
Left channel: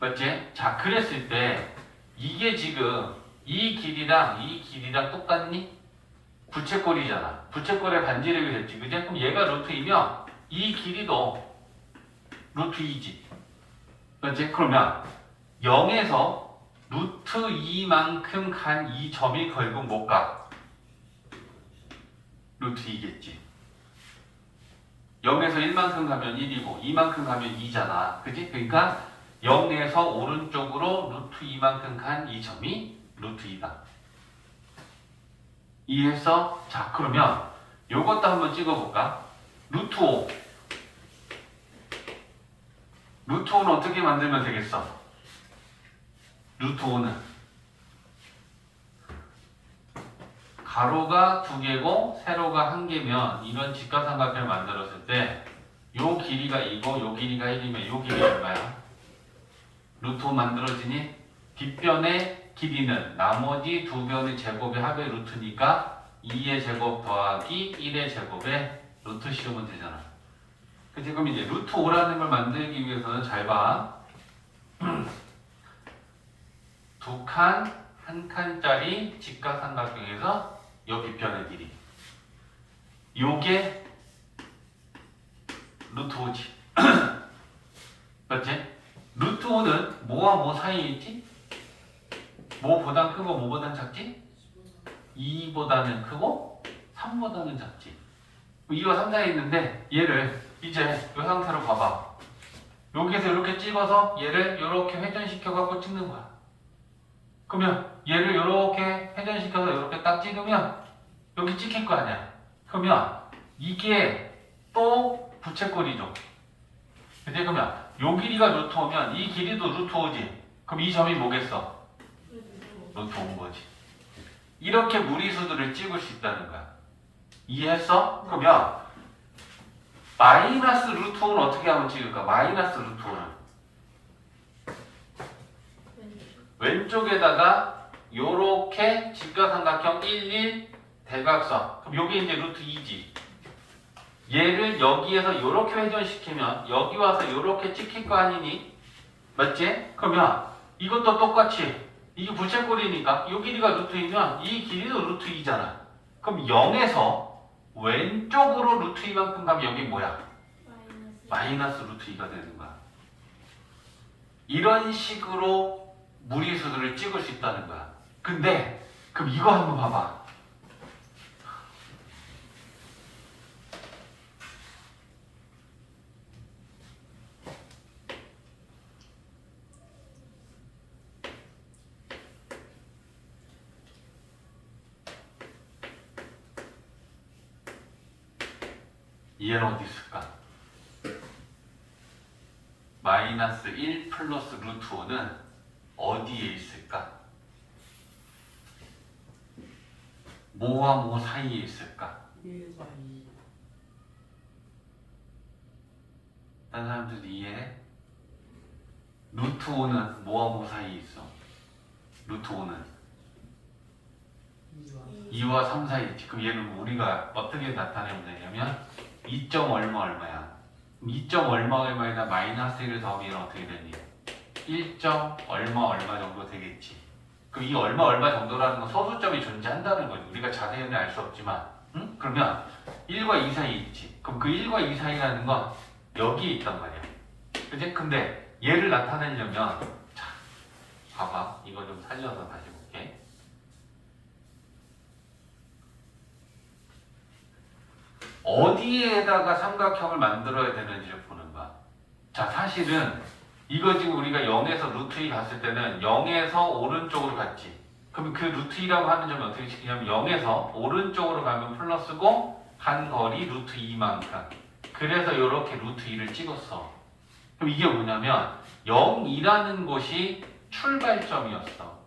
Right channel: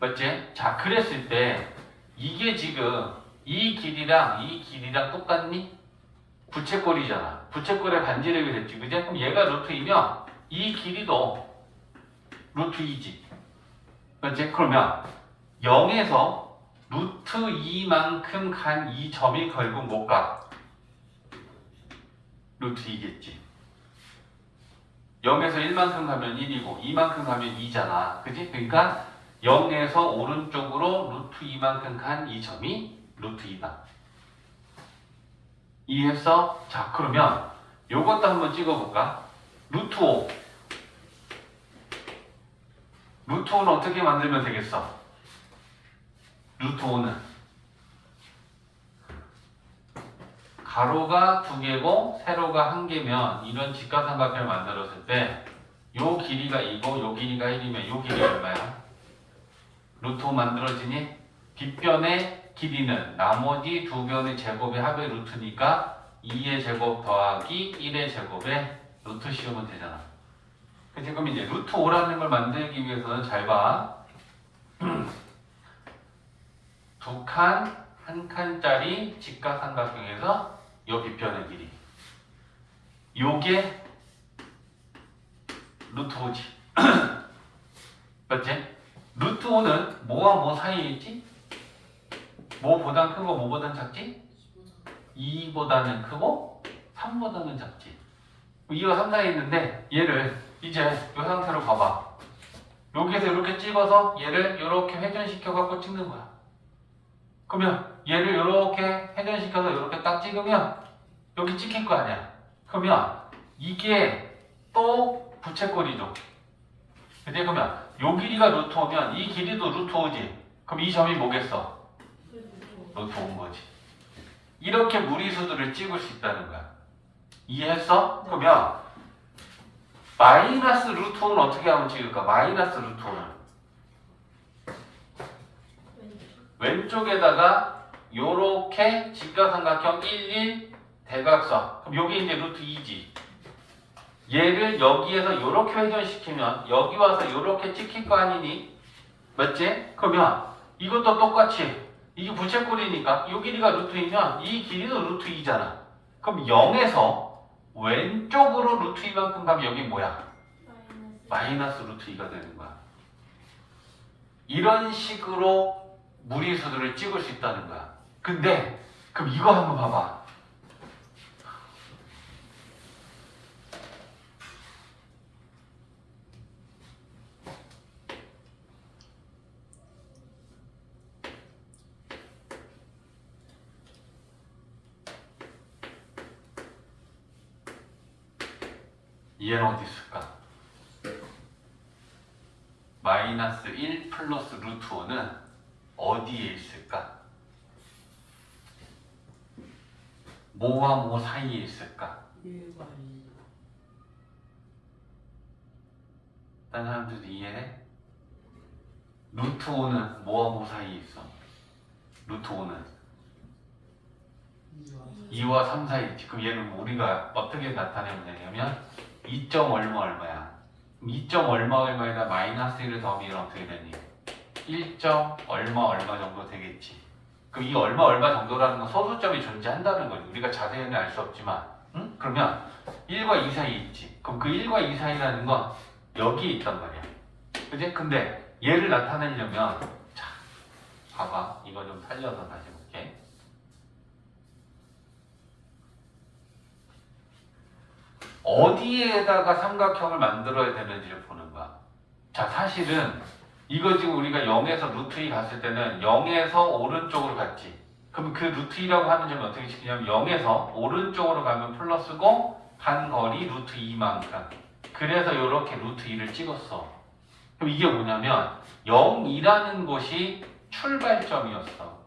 맞지? 자, 그랬을 때 이게 지금 이 길이랑 똑같니? 부채꼴이잖아. 부채꼴의 반지름이 됐지. 그지? 그럼 얘가 루트 2면 이 길이도 루트 2지. 맞지? 그러면 0에서 루트 2만큼 간 이 점이 결국 뭘까? 루트 2겠지. 0에서 1만큼 가면 1이고 2만큼 가면 2잖아. 그지? 그러니까 0에서 오른쪽으로 루트 2만큼 간 이 점이 루트 2다. 이해했어? 자, 그러면 요것도 한번 찍어볼까? 루트 5. 루트 5는 어떻게 만들면 되겠어? 루트 5는 가로가 2개고 세로가 1개면 이런 직각삼각형을 만들었을 때 요 길이가 2고 요 길이가 1이면 요 길이가 얼마야? 루트 5 만들어지니? 빗변의 길이는 나머지 두 변의 제곱의 합의 루트니까 2의 제곱 더하기 1의 제곱에 루트 씌우면 되잖아. 그치? 그럼 이제 루트 5라는 걸 만들기 위해서는 잘 봐. 두 칸, 한 칸짜리 직각삼각형에서 요 빗변의 길이. 요게 루트 5지. 맞지? 루트 5는 뭐와 뭐 사이에 있지? 뭐보단 크고 뭐보단 작지? 2보다는 크고 3보다는 작지. 2와 3 사이에 있는데 얘를 이제 이 상태로 봐봐. 여기에서 이렇게 찍어서 얘를 이렇게 회전시켜 갖고 찍는 거야. 그러면 얘를 이렇게 회전시켜서 이렇게 딱 찍으면 여기 찍힐 거 아니야. 그러면 이게 또 부채꼴이죠. 그치? 그러면 요 길이가 루트 5면 이 길이도 루트 5지. 그럼 이 점이 뭐겠어? 루트 5인 거지. 이렇게 무리수들을 찍을 수 있다는 거야. 이해했어? 그러면 마이너스 루트 5는 어떻게 하면 찍을까? 마이너스 루트 5는 왼쪽에다가 요렇게 직각삼각형 1, 1 대각선. 그럼 여기 이제 루트 2지. 얘를 여기에서 요렇게 회전시키면 여기 와서 요렇게 찍힐 거 아니니? 맞지? 그러면 이것도 똑같이 이게 부채꼴이니까 요 길이가 루트 2면 이 길이도 루트 2잖아. 그럼 0에서 왼쪽으로 루트 2만큼 가면 여기 뭐야? 마이너스 루트 2가 되는 거야. 이런 식으로 무리수들을 찍을 수 있다는 거야. 근데 그럼 이거 한번 봐봐. 얘는 어디 있을까? 마이너스 1 플러스 루트 5는 어디에 있을까? 뭐와 뭐 사이에 있을까? 1과 2. 다른 사람들 이해해? 루트 5는 뭐와 뭐 사이에 있어? 루트 5는 2와 3 사이에 있지. 그럼 얘는 우리가 어떻게 나타내면 되냐면 2점 얼마 얼마야? 2점 얼마 얼마에다 마이너스 1을 더하면 어떻게 되니? 1점 얼마 얼마 정도 되겠지. 그 이 얼마 정도라는 건 소수점이 존재한다는 거지. 우리가 자세히는 알 수 없지만, 응? 그러면 1과 2 사이에 있지. 그럼 그 1과 2 사이라는 건 여기 있단 말이야. 그지? 근데 얘를 나타내려면, 자, 봐봐. 이거 좀 살려서 다시 볼게. 어디에다가 삼각형을 만들어야 되는지를 보는 거야. 자, 사실은 이거 지금 우리가 0에서 루트 2 갔을 때는 0에서 오른쪽으로 갔지. 그럼 그 루트 2라고 하는 점이 어떻게 치냐면 0에서 오른쪽으로 가면 플러스고 간 거리 루트 2만큼. 그래서 이렇게 루트 2를 찍었어. 그럼 이게 뭐냐면 0이라는 곳이 출발점이었어.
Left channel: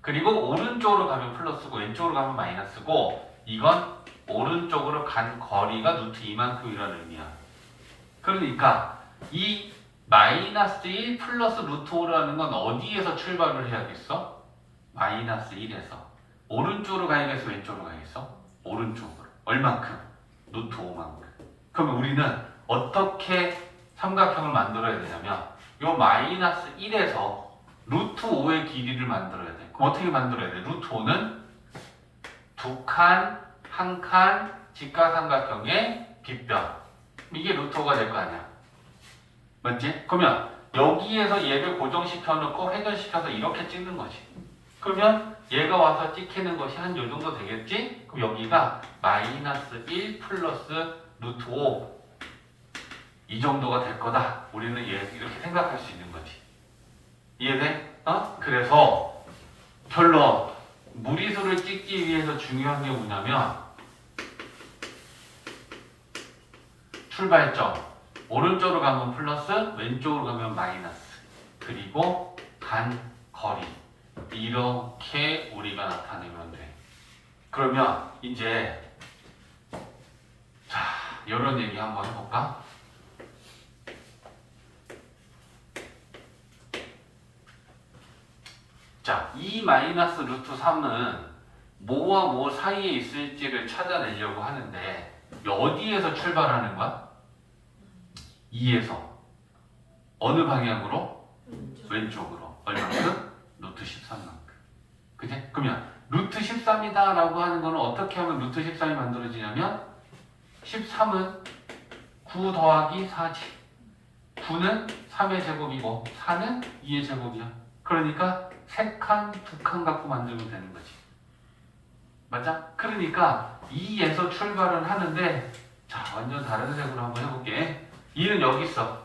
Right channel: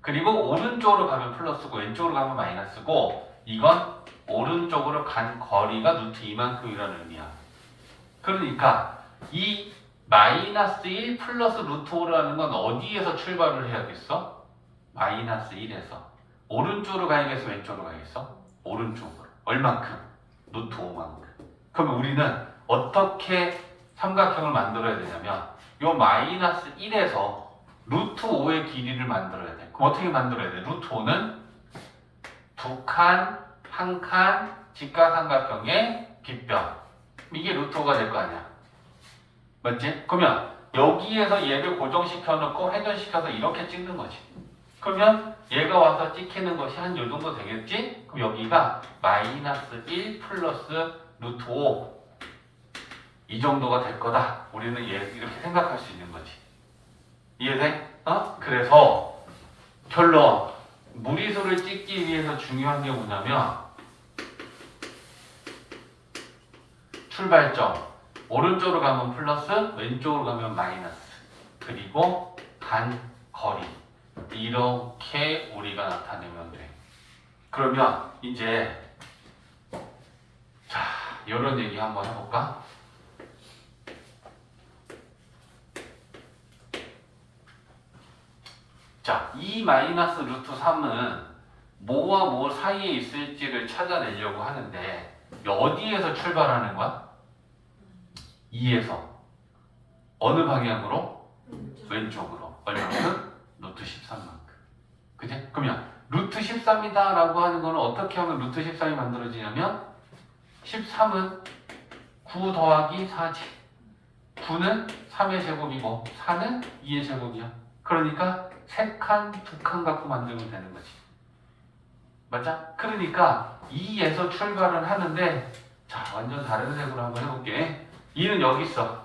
그리고 오른쪽으로 가면 플러스고 왼쪽으로 가면 마이너스고 이건 오른쪽으로 간 거리가 루트 2만큼이라는 의미야. 그러니까 이 마이너스 1 플러스 루트 5라는 건 어디에서 출발을 해야겠어? 마이너스 1에서. 오른쪽으로 가야겠어? 왼쪽으로 가야겠어? 오른쪽으로. 얼만큼? 루트 5만큼. 그러면 우리는 어떻게 삼각형을 만들어야 되냐면 요 마이너스 1에서 루트 5의 길이를 만들어야 돼. 그럼 어떻게 만들어야 돼? 루트 5는 두 칸, 한 칸, 직각삼각형의 빗변. 이게 루트 5가 될 거 아니야. 맞지? 그러면 여기에서 얘를 고정시켜 놓고 회전시켜서 이렇게 찍는 거지. 그러면 얘가 와서 찍히는 것이 한 요 정도 되겠지? 그럼 여기가 마이너스 1 플러스 루트 5 이 정도가 될 거다. 우리는 얘 이렇게 생각할 수 있는 거지. 이해돼? 그래서 결론 무리수를 찍기 위해서 중요한 게 뭐냐면 출발점 오른쪽으로 가면 플러스 왼쪽으로 가면 마이너스 그리고 간 거리 이렇게 우리가 나타내면 돼. 그러면 이제 자 이런 얘기 한번 해볼까? 자, 이 마이너스 루트 3은 뭐와 뭐 사이에 있을지를 찾아내려고 하는데 어디에서 출발하는 거야? 2에서 어느 방향으로? 왼쪽으로. 얼마만큼? 루트 13만큼. 그지? 그러면 루트 13이다 라고 하는 거는 어떻게 하면 루트 13이 만들어지냐면 13은 9 더하기 4지. 9는 3의 제곱이고 4는 2의 제곱이야. 그러니까 3칸, 2칸 갖고 만들면 되는 거지. 맞아? 그러니까 2에서 출발을 하는데 자 완전 다른 색으로 한번 해볼게. 2는 여기 있어.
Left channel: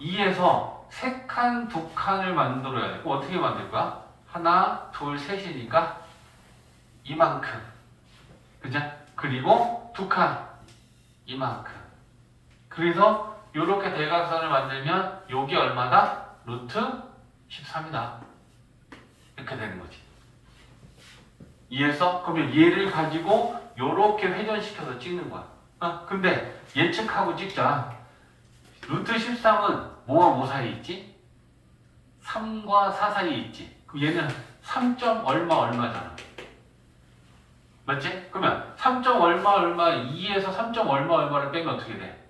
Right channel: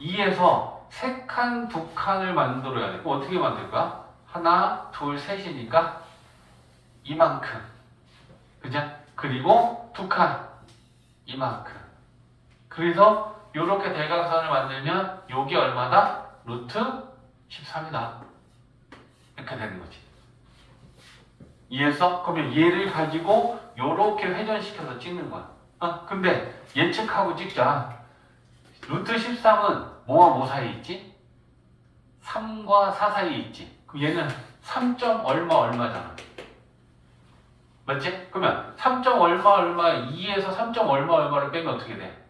2에서 3칸, 2칸을 만들어야 돼. 그럼 어떻게 만들 거야? 하나, 둘, 셋이니까 이만큼. 그죠? 그리고 2칸. 이만큼. 그래서 이렇게 대각선을 만들면 요게 얼마다? 루트 13이다. 이렇게 되는 거지. 이해했어? 그러면 얘를 가지고 요렇게 회전시켜서 찍는 거야. 근데 예측하고 찍자. 루트 13은 뭐와 뭐 사이에 있지? 3과 4 사이에 있지. 그럼 얘는 3점 얼마잖아. 맞지? 그러면 3점 얼마 2에서 3점 얼마를 빼면 어떻게 돼?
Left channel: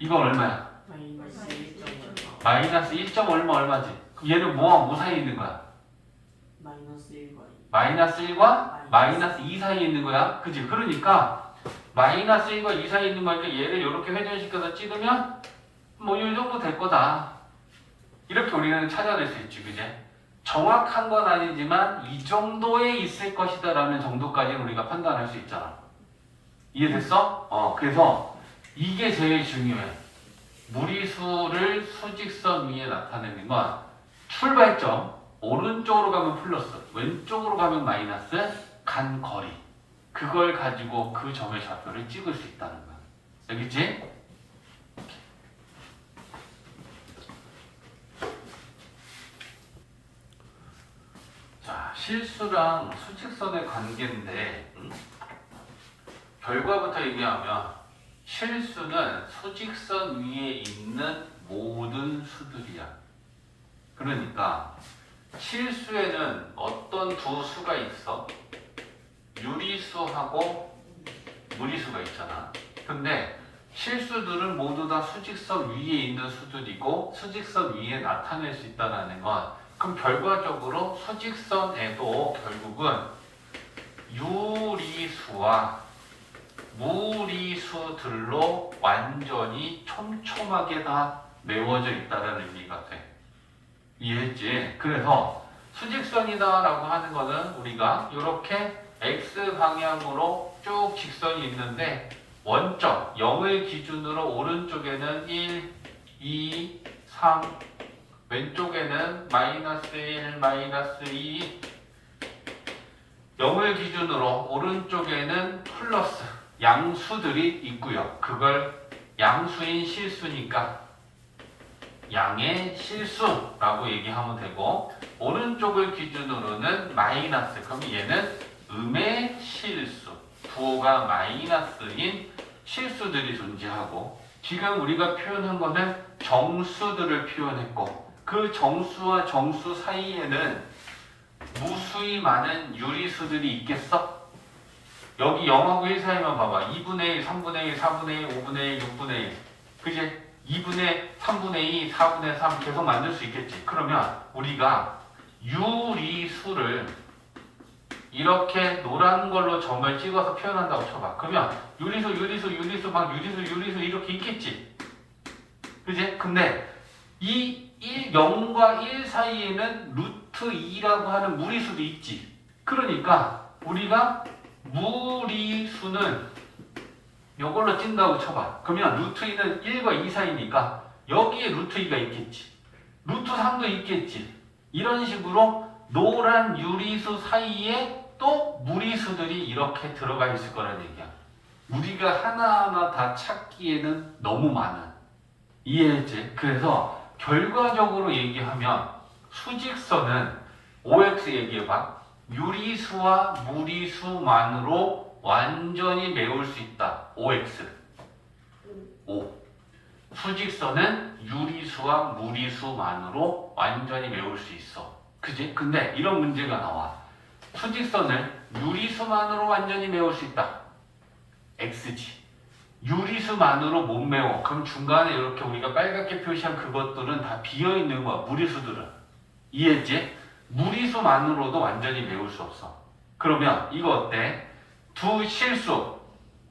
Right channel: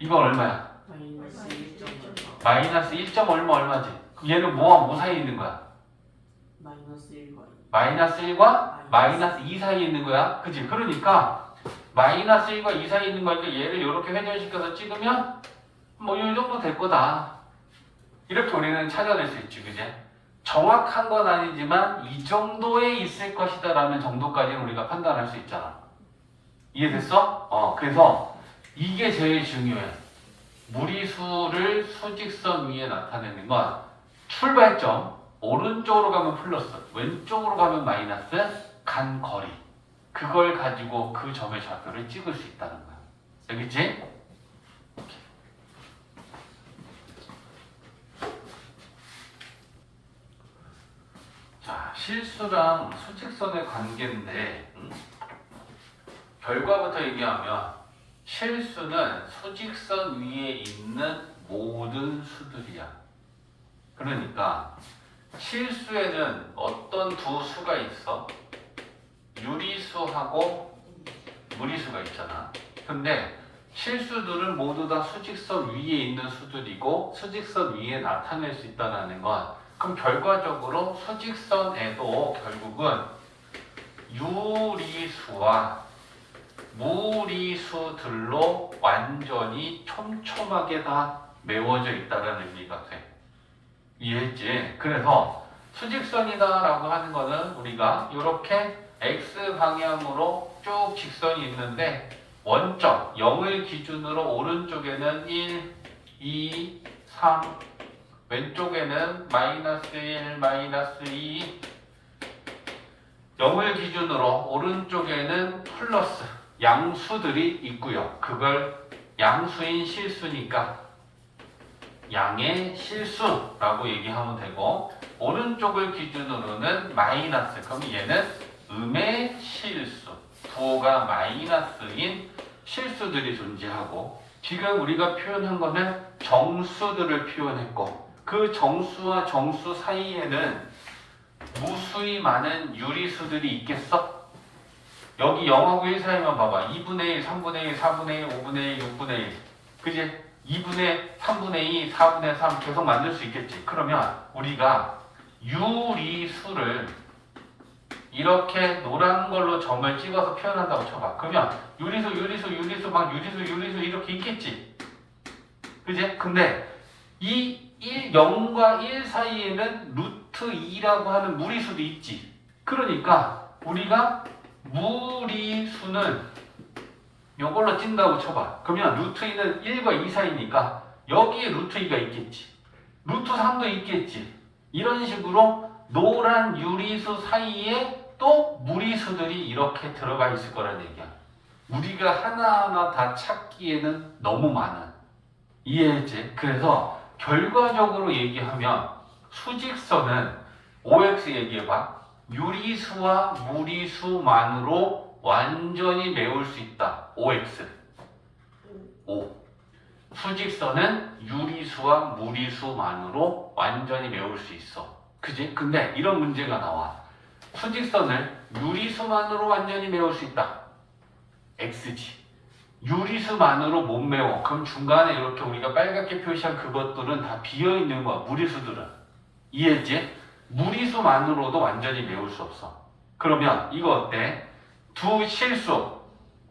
이거 얼마야? 마이너스 1.5. 마이너스 1점 얼마지? 그럼 얘는 뭐와 뭐 사이에 있는 거야? 마이너스 1과 2. 마이너스 1과 마이너스 2 사이에 있는 거야. 그치? 그러니까 마이너스 1과 2 사이에 있는 거니까 얘를 이렇게 회전시켜서 찍으면 뭐 이 정도 될 거다. 이렇게 우리는 찾아낼 수 있지. 그제? 정확한 건 아니지만 이 정도에 있을 것이다 라는 정도까지 우리가 판단할 수 있잖아. 이해됐어? 그래서 이게 제일 중요해. 무리수를 수직선 위에 나타내는 건 출발점 오른쪽으로 가면 플러스 왼쪽으로 가면 마이너스 간 거리 그걸 가지고 그 점의 좌표를 찍을 수 있다는 거야. 알겠지? 자, 실수랑 수직선의 관계인데 결과부터 얘기하면 실수는 수직선 위에 있는 모든 수들이야. 그러니까 실수에는 어떤 두 수가 있어? 유리수하고 무리수가 있잖아. 근데 실수들은 모두 다 수직선 위에 있는 수들이고 수직선 위에 나타낼 수 있다는 건 그럼 결과적으로 수직선에도 결국은 유리수와 무리수들로 완전히 촘촘하게 다 메워져 있다는 의미가 돼. 이해했지? 그래서 수직선이다라고 하는 거는 우리가 이렇게 X 방향으로 쭉 직선이 있는데 원점 0을 기준으로 오른쪽에는 1, 2, 3 왼쪽에는 마이너스 1, 마이너스 2 0을 기준으로 오른쪽에는 플러스 양수들이 있고요. 그걸 양수인 실수니까 양의 실수라고 얘기하면 되고 오른쪽을 기준으로는 마이너스 그럼 얘는 음의 실수 부호가 마이너스인 실수들이 존재하고 지금 우리가 표현한 거는 정수들을 표현했고 그 정수와 정수 사이에는 무수히 많은 유리수들이 있겠어? 여기 0하고 1 사이만 봐봐. 2분의 1, 3분의 1, 4분의 1, 5분의 1, 6분의 1 그지? 2분의 3분의 2, 4분의 3 계속 만들 수 있겠지. 그러면 우리가 유리수를 이렇게 노란 걸로 점을 찍어서 표현한다고 쳐봐. 그러면 유리수 이렇게 있겠지. 그지? 근데 이 0과 1 사이에는 루트 2라고 하는 무리수도 있지. 그러니까 우리가 무리수는 이걸로 찐다고 쳐봐. 그러면 루트 2는 1과 2 사이니까 여기에 루트 2가 있겠지. 루트 3도 있겠지. 이런 식으로 노란 유리수 사이에 또 무리수들이 이렇게 들어가 있을 거라는 얘기야. 우리가 하나하나 다 찾기에는 너무 많아. 이해했지? 그래서 결과적으로 얘기하면 수직선은 OX 얘기해봐. 유리수와 무리수만으로 완전히 메울 수 있다. OX. O. 수직선은 유리수와 무리수만으로 완전히 메울 수 있어. 그지? 근데 이런 문제가 나와. 수직선을 유리수만으로 완전히 메울 수 있다. X지. 유리수만으로 못 메워. 그럼 중간에 이렇게 우리가 빨갛게 표시한 그것들은 다 비어있는 거야. 무리수들은. 이해했지? 무리수만으로도 완전히 메울 수 없어. 그러면 이거 어때? 두 실수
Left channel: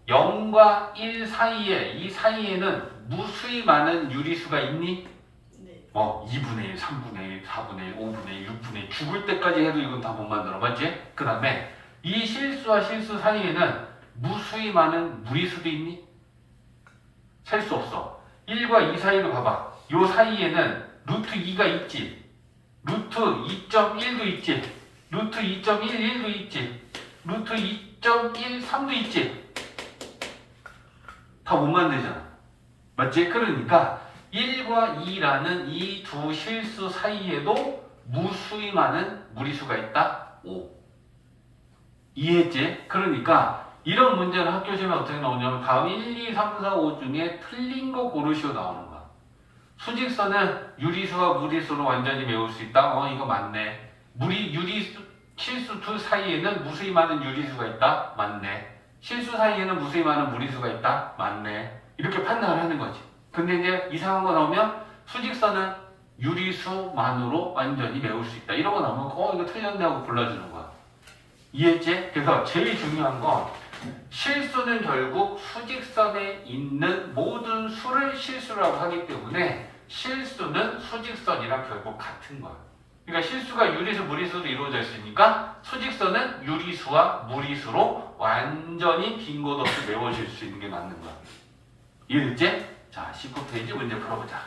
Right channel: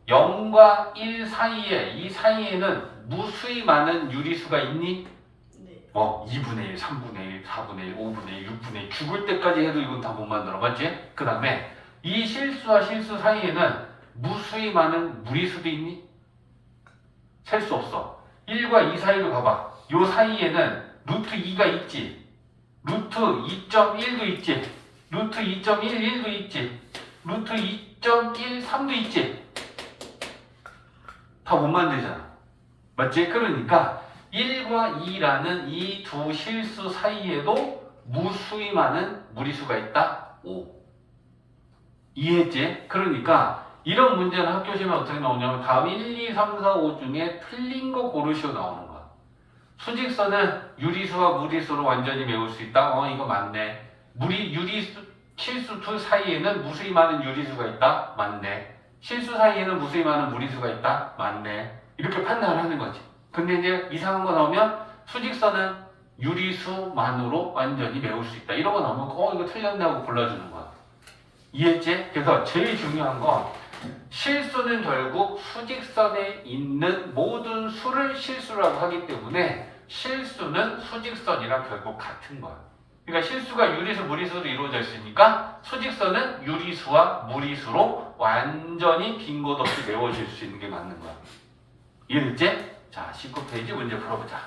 0과 1 사이에 이 사이에는 무수히 많은 유리수가 있니? 네. 2분의 1, 3분의 1, 4분의 1, 5분의 1, 6분의 1 죽을 때까지 해도 이건 다 못 만들어. 맞지? 그 다음에 이 실수와 실수 사이에는 무수히 많은 무리수도 있니? 셀 수 없어. 1과 2 사이로 가봐. 요 사이에는 루트 2가 있지. 루트 2.1도 있지. 루트 2.11도 있지. 루트 2.13도 있지. 다 못 만들잖아. 맞지? 그러니까 1과 2라는 이 두 실수 사이에도 무수히 많은 무리수가 있다. 5. 이해했지? 그러니까 이런 문제는 학교 시험에 어떻게 나오냐면 다음 1, 2, 3, 4, 5 중에 틀린 거 고르시오 나오는 거야. 수직선은 유리수와 무리수로 완전히 메울 수 있다. 이거 맞네. 유리수, 실수 둘 사이에는 무수히 많은 유리수가 있다. 맞네. 실수 사이에는 무수히 많은 무리수가 있다. 맞네. 이렇게 판단을 하는 거지. 근데 이제 이상한 거 나오면 수직선은 유리수만으로 완전히 메울 수 있다. 이런 거 나오면 이거 틀렸네 하고 골라주는 거야. 이해했지? 그래서 제일 중요한 건 실수는 결국 수직선에 있는 모든 수를 실수라고 하기 때문에 실수는 수직선이랑 결국 같은 거야. 그러니까 실수가 유리수, 무리수로 이루어져 있으니까 수직선은 유리수와 무리수로 완전히 빈 곳 없이 메워질 수 있는 게 맞는 거야. 이해됐지? 자, 19페이지 문제 풀어보자.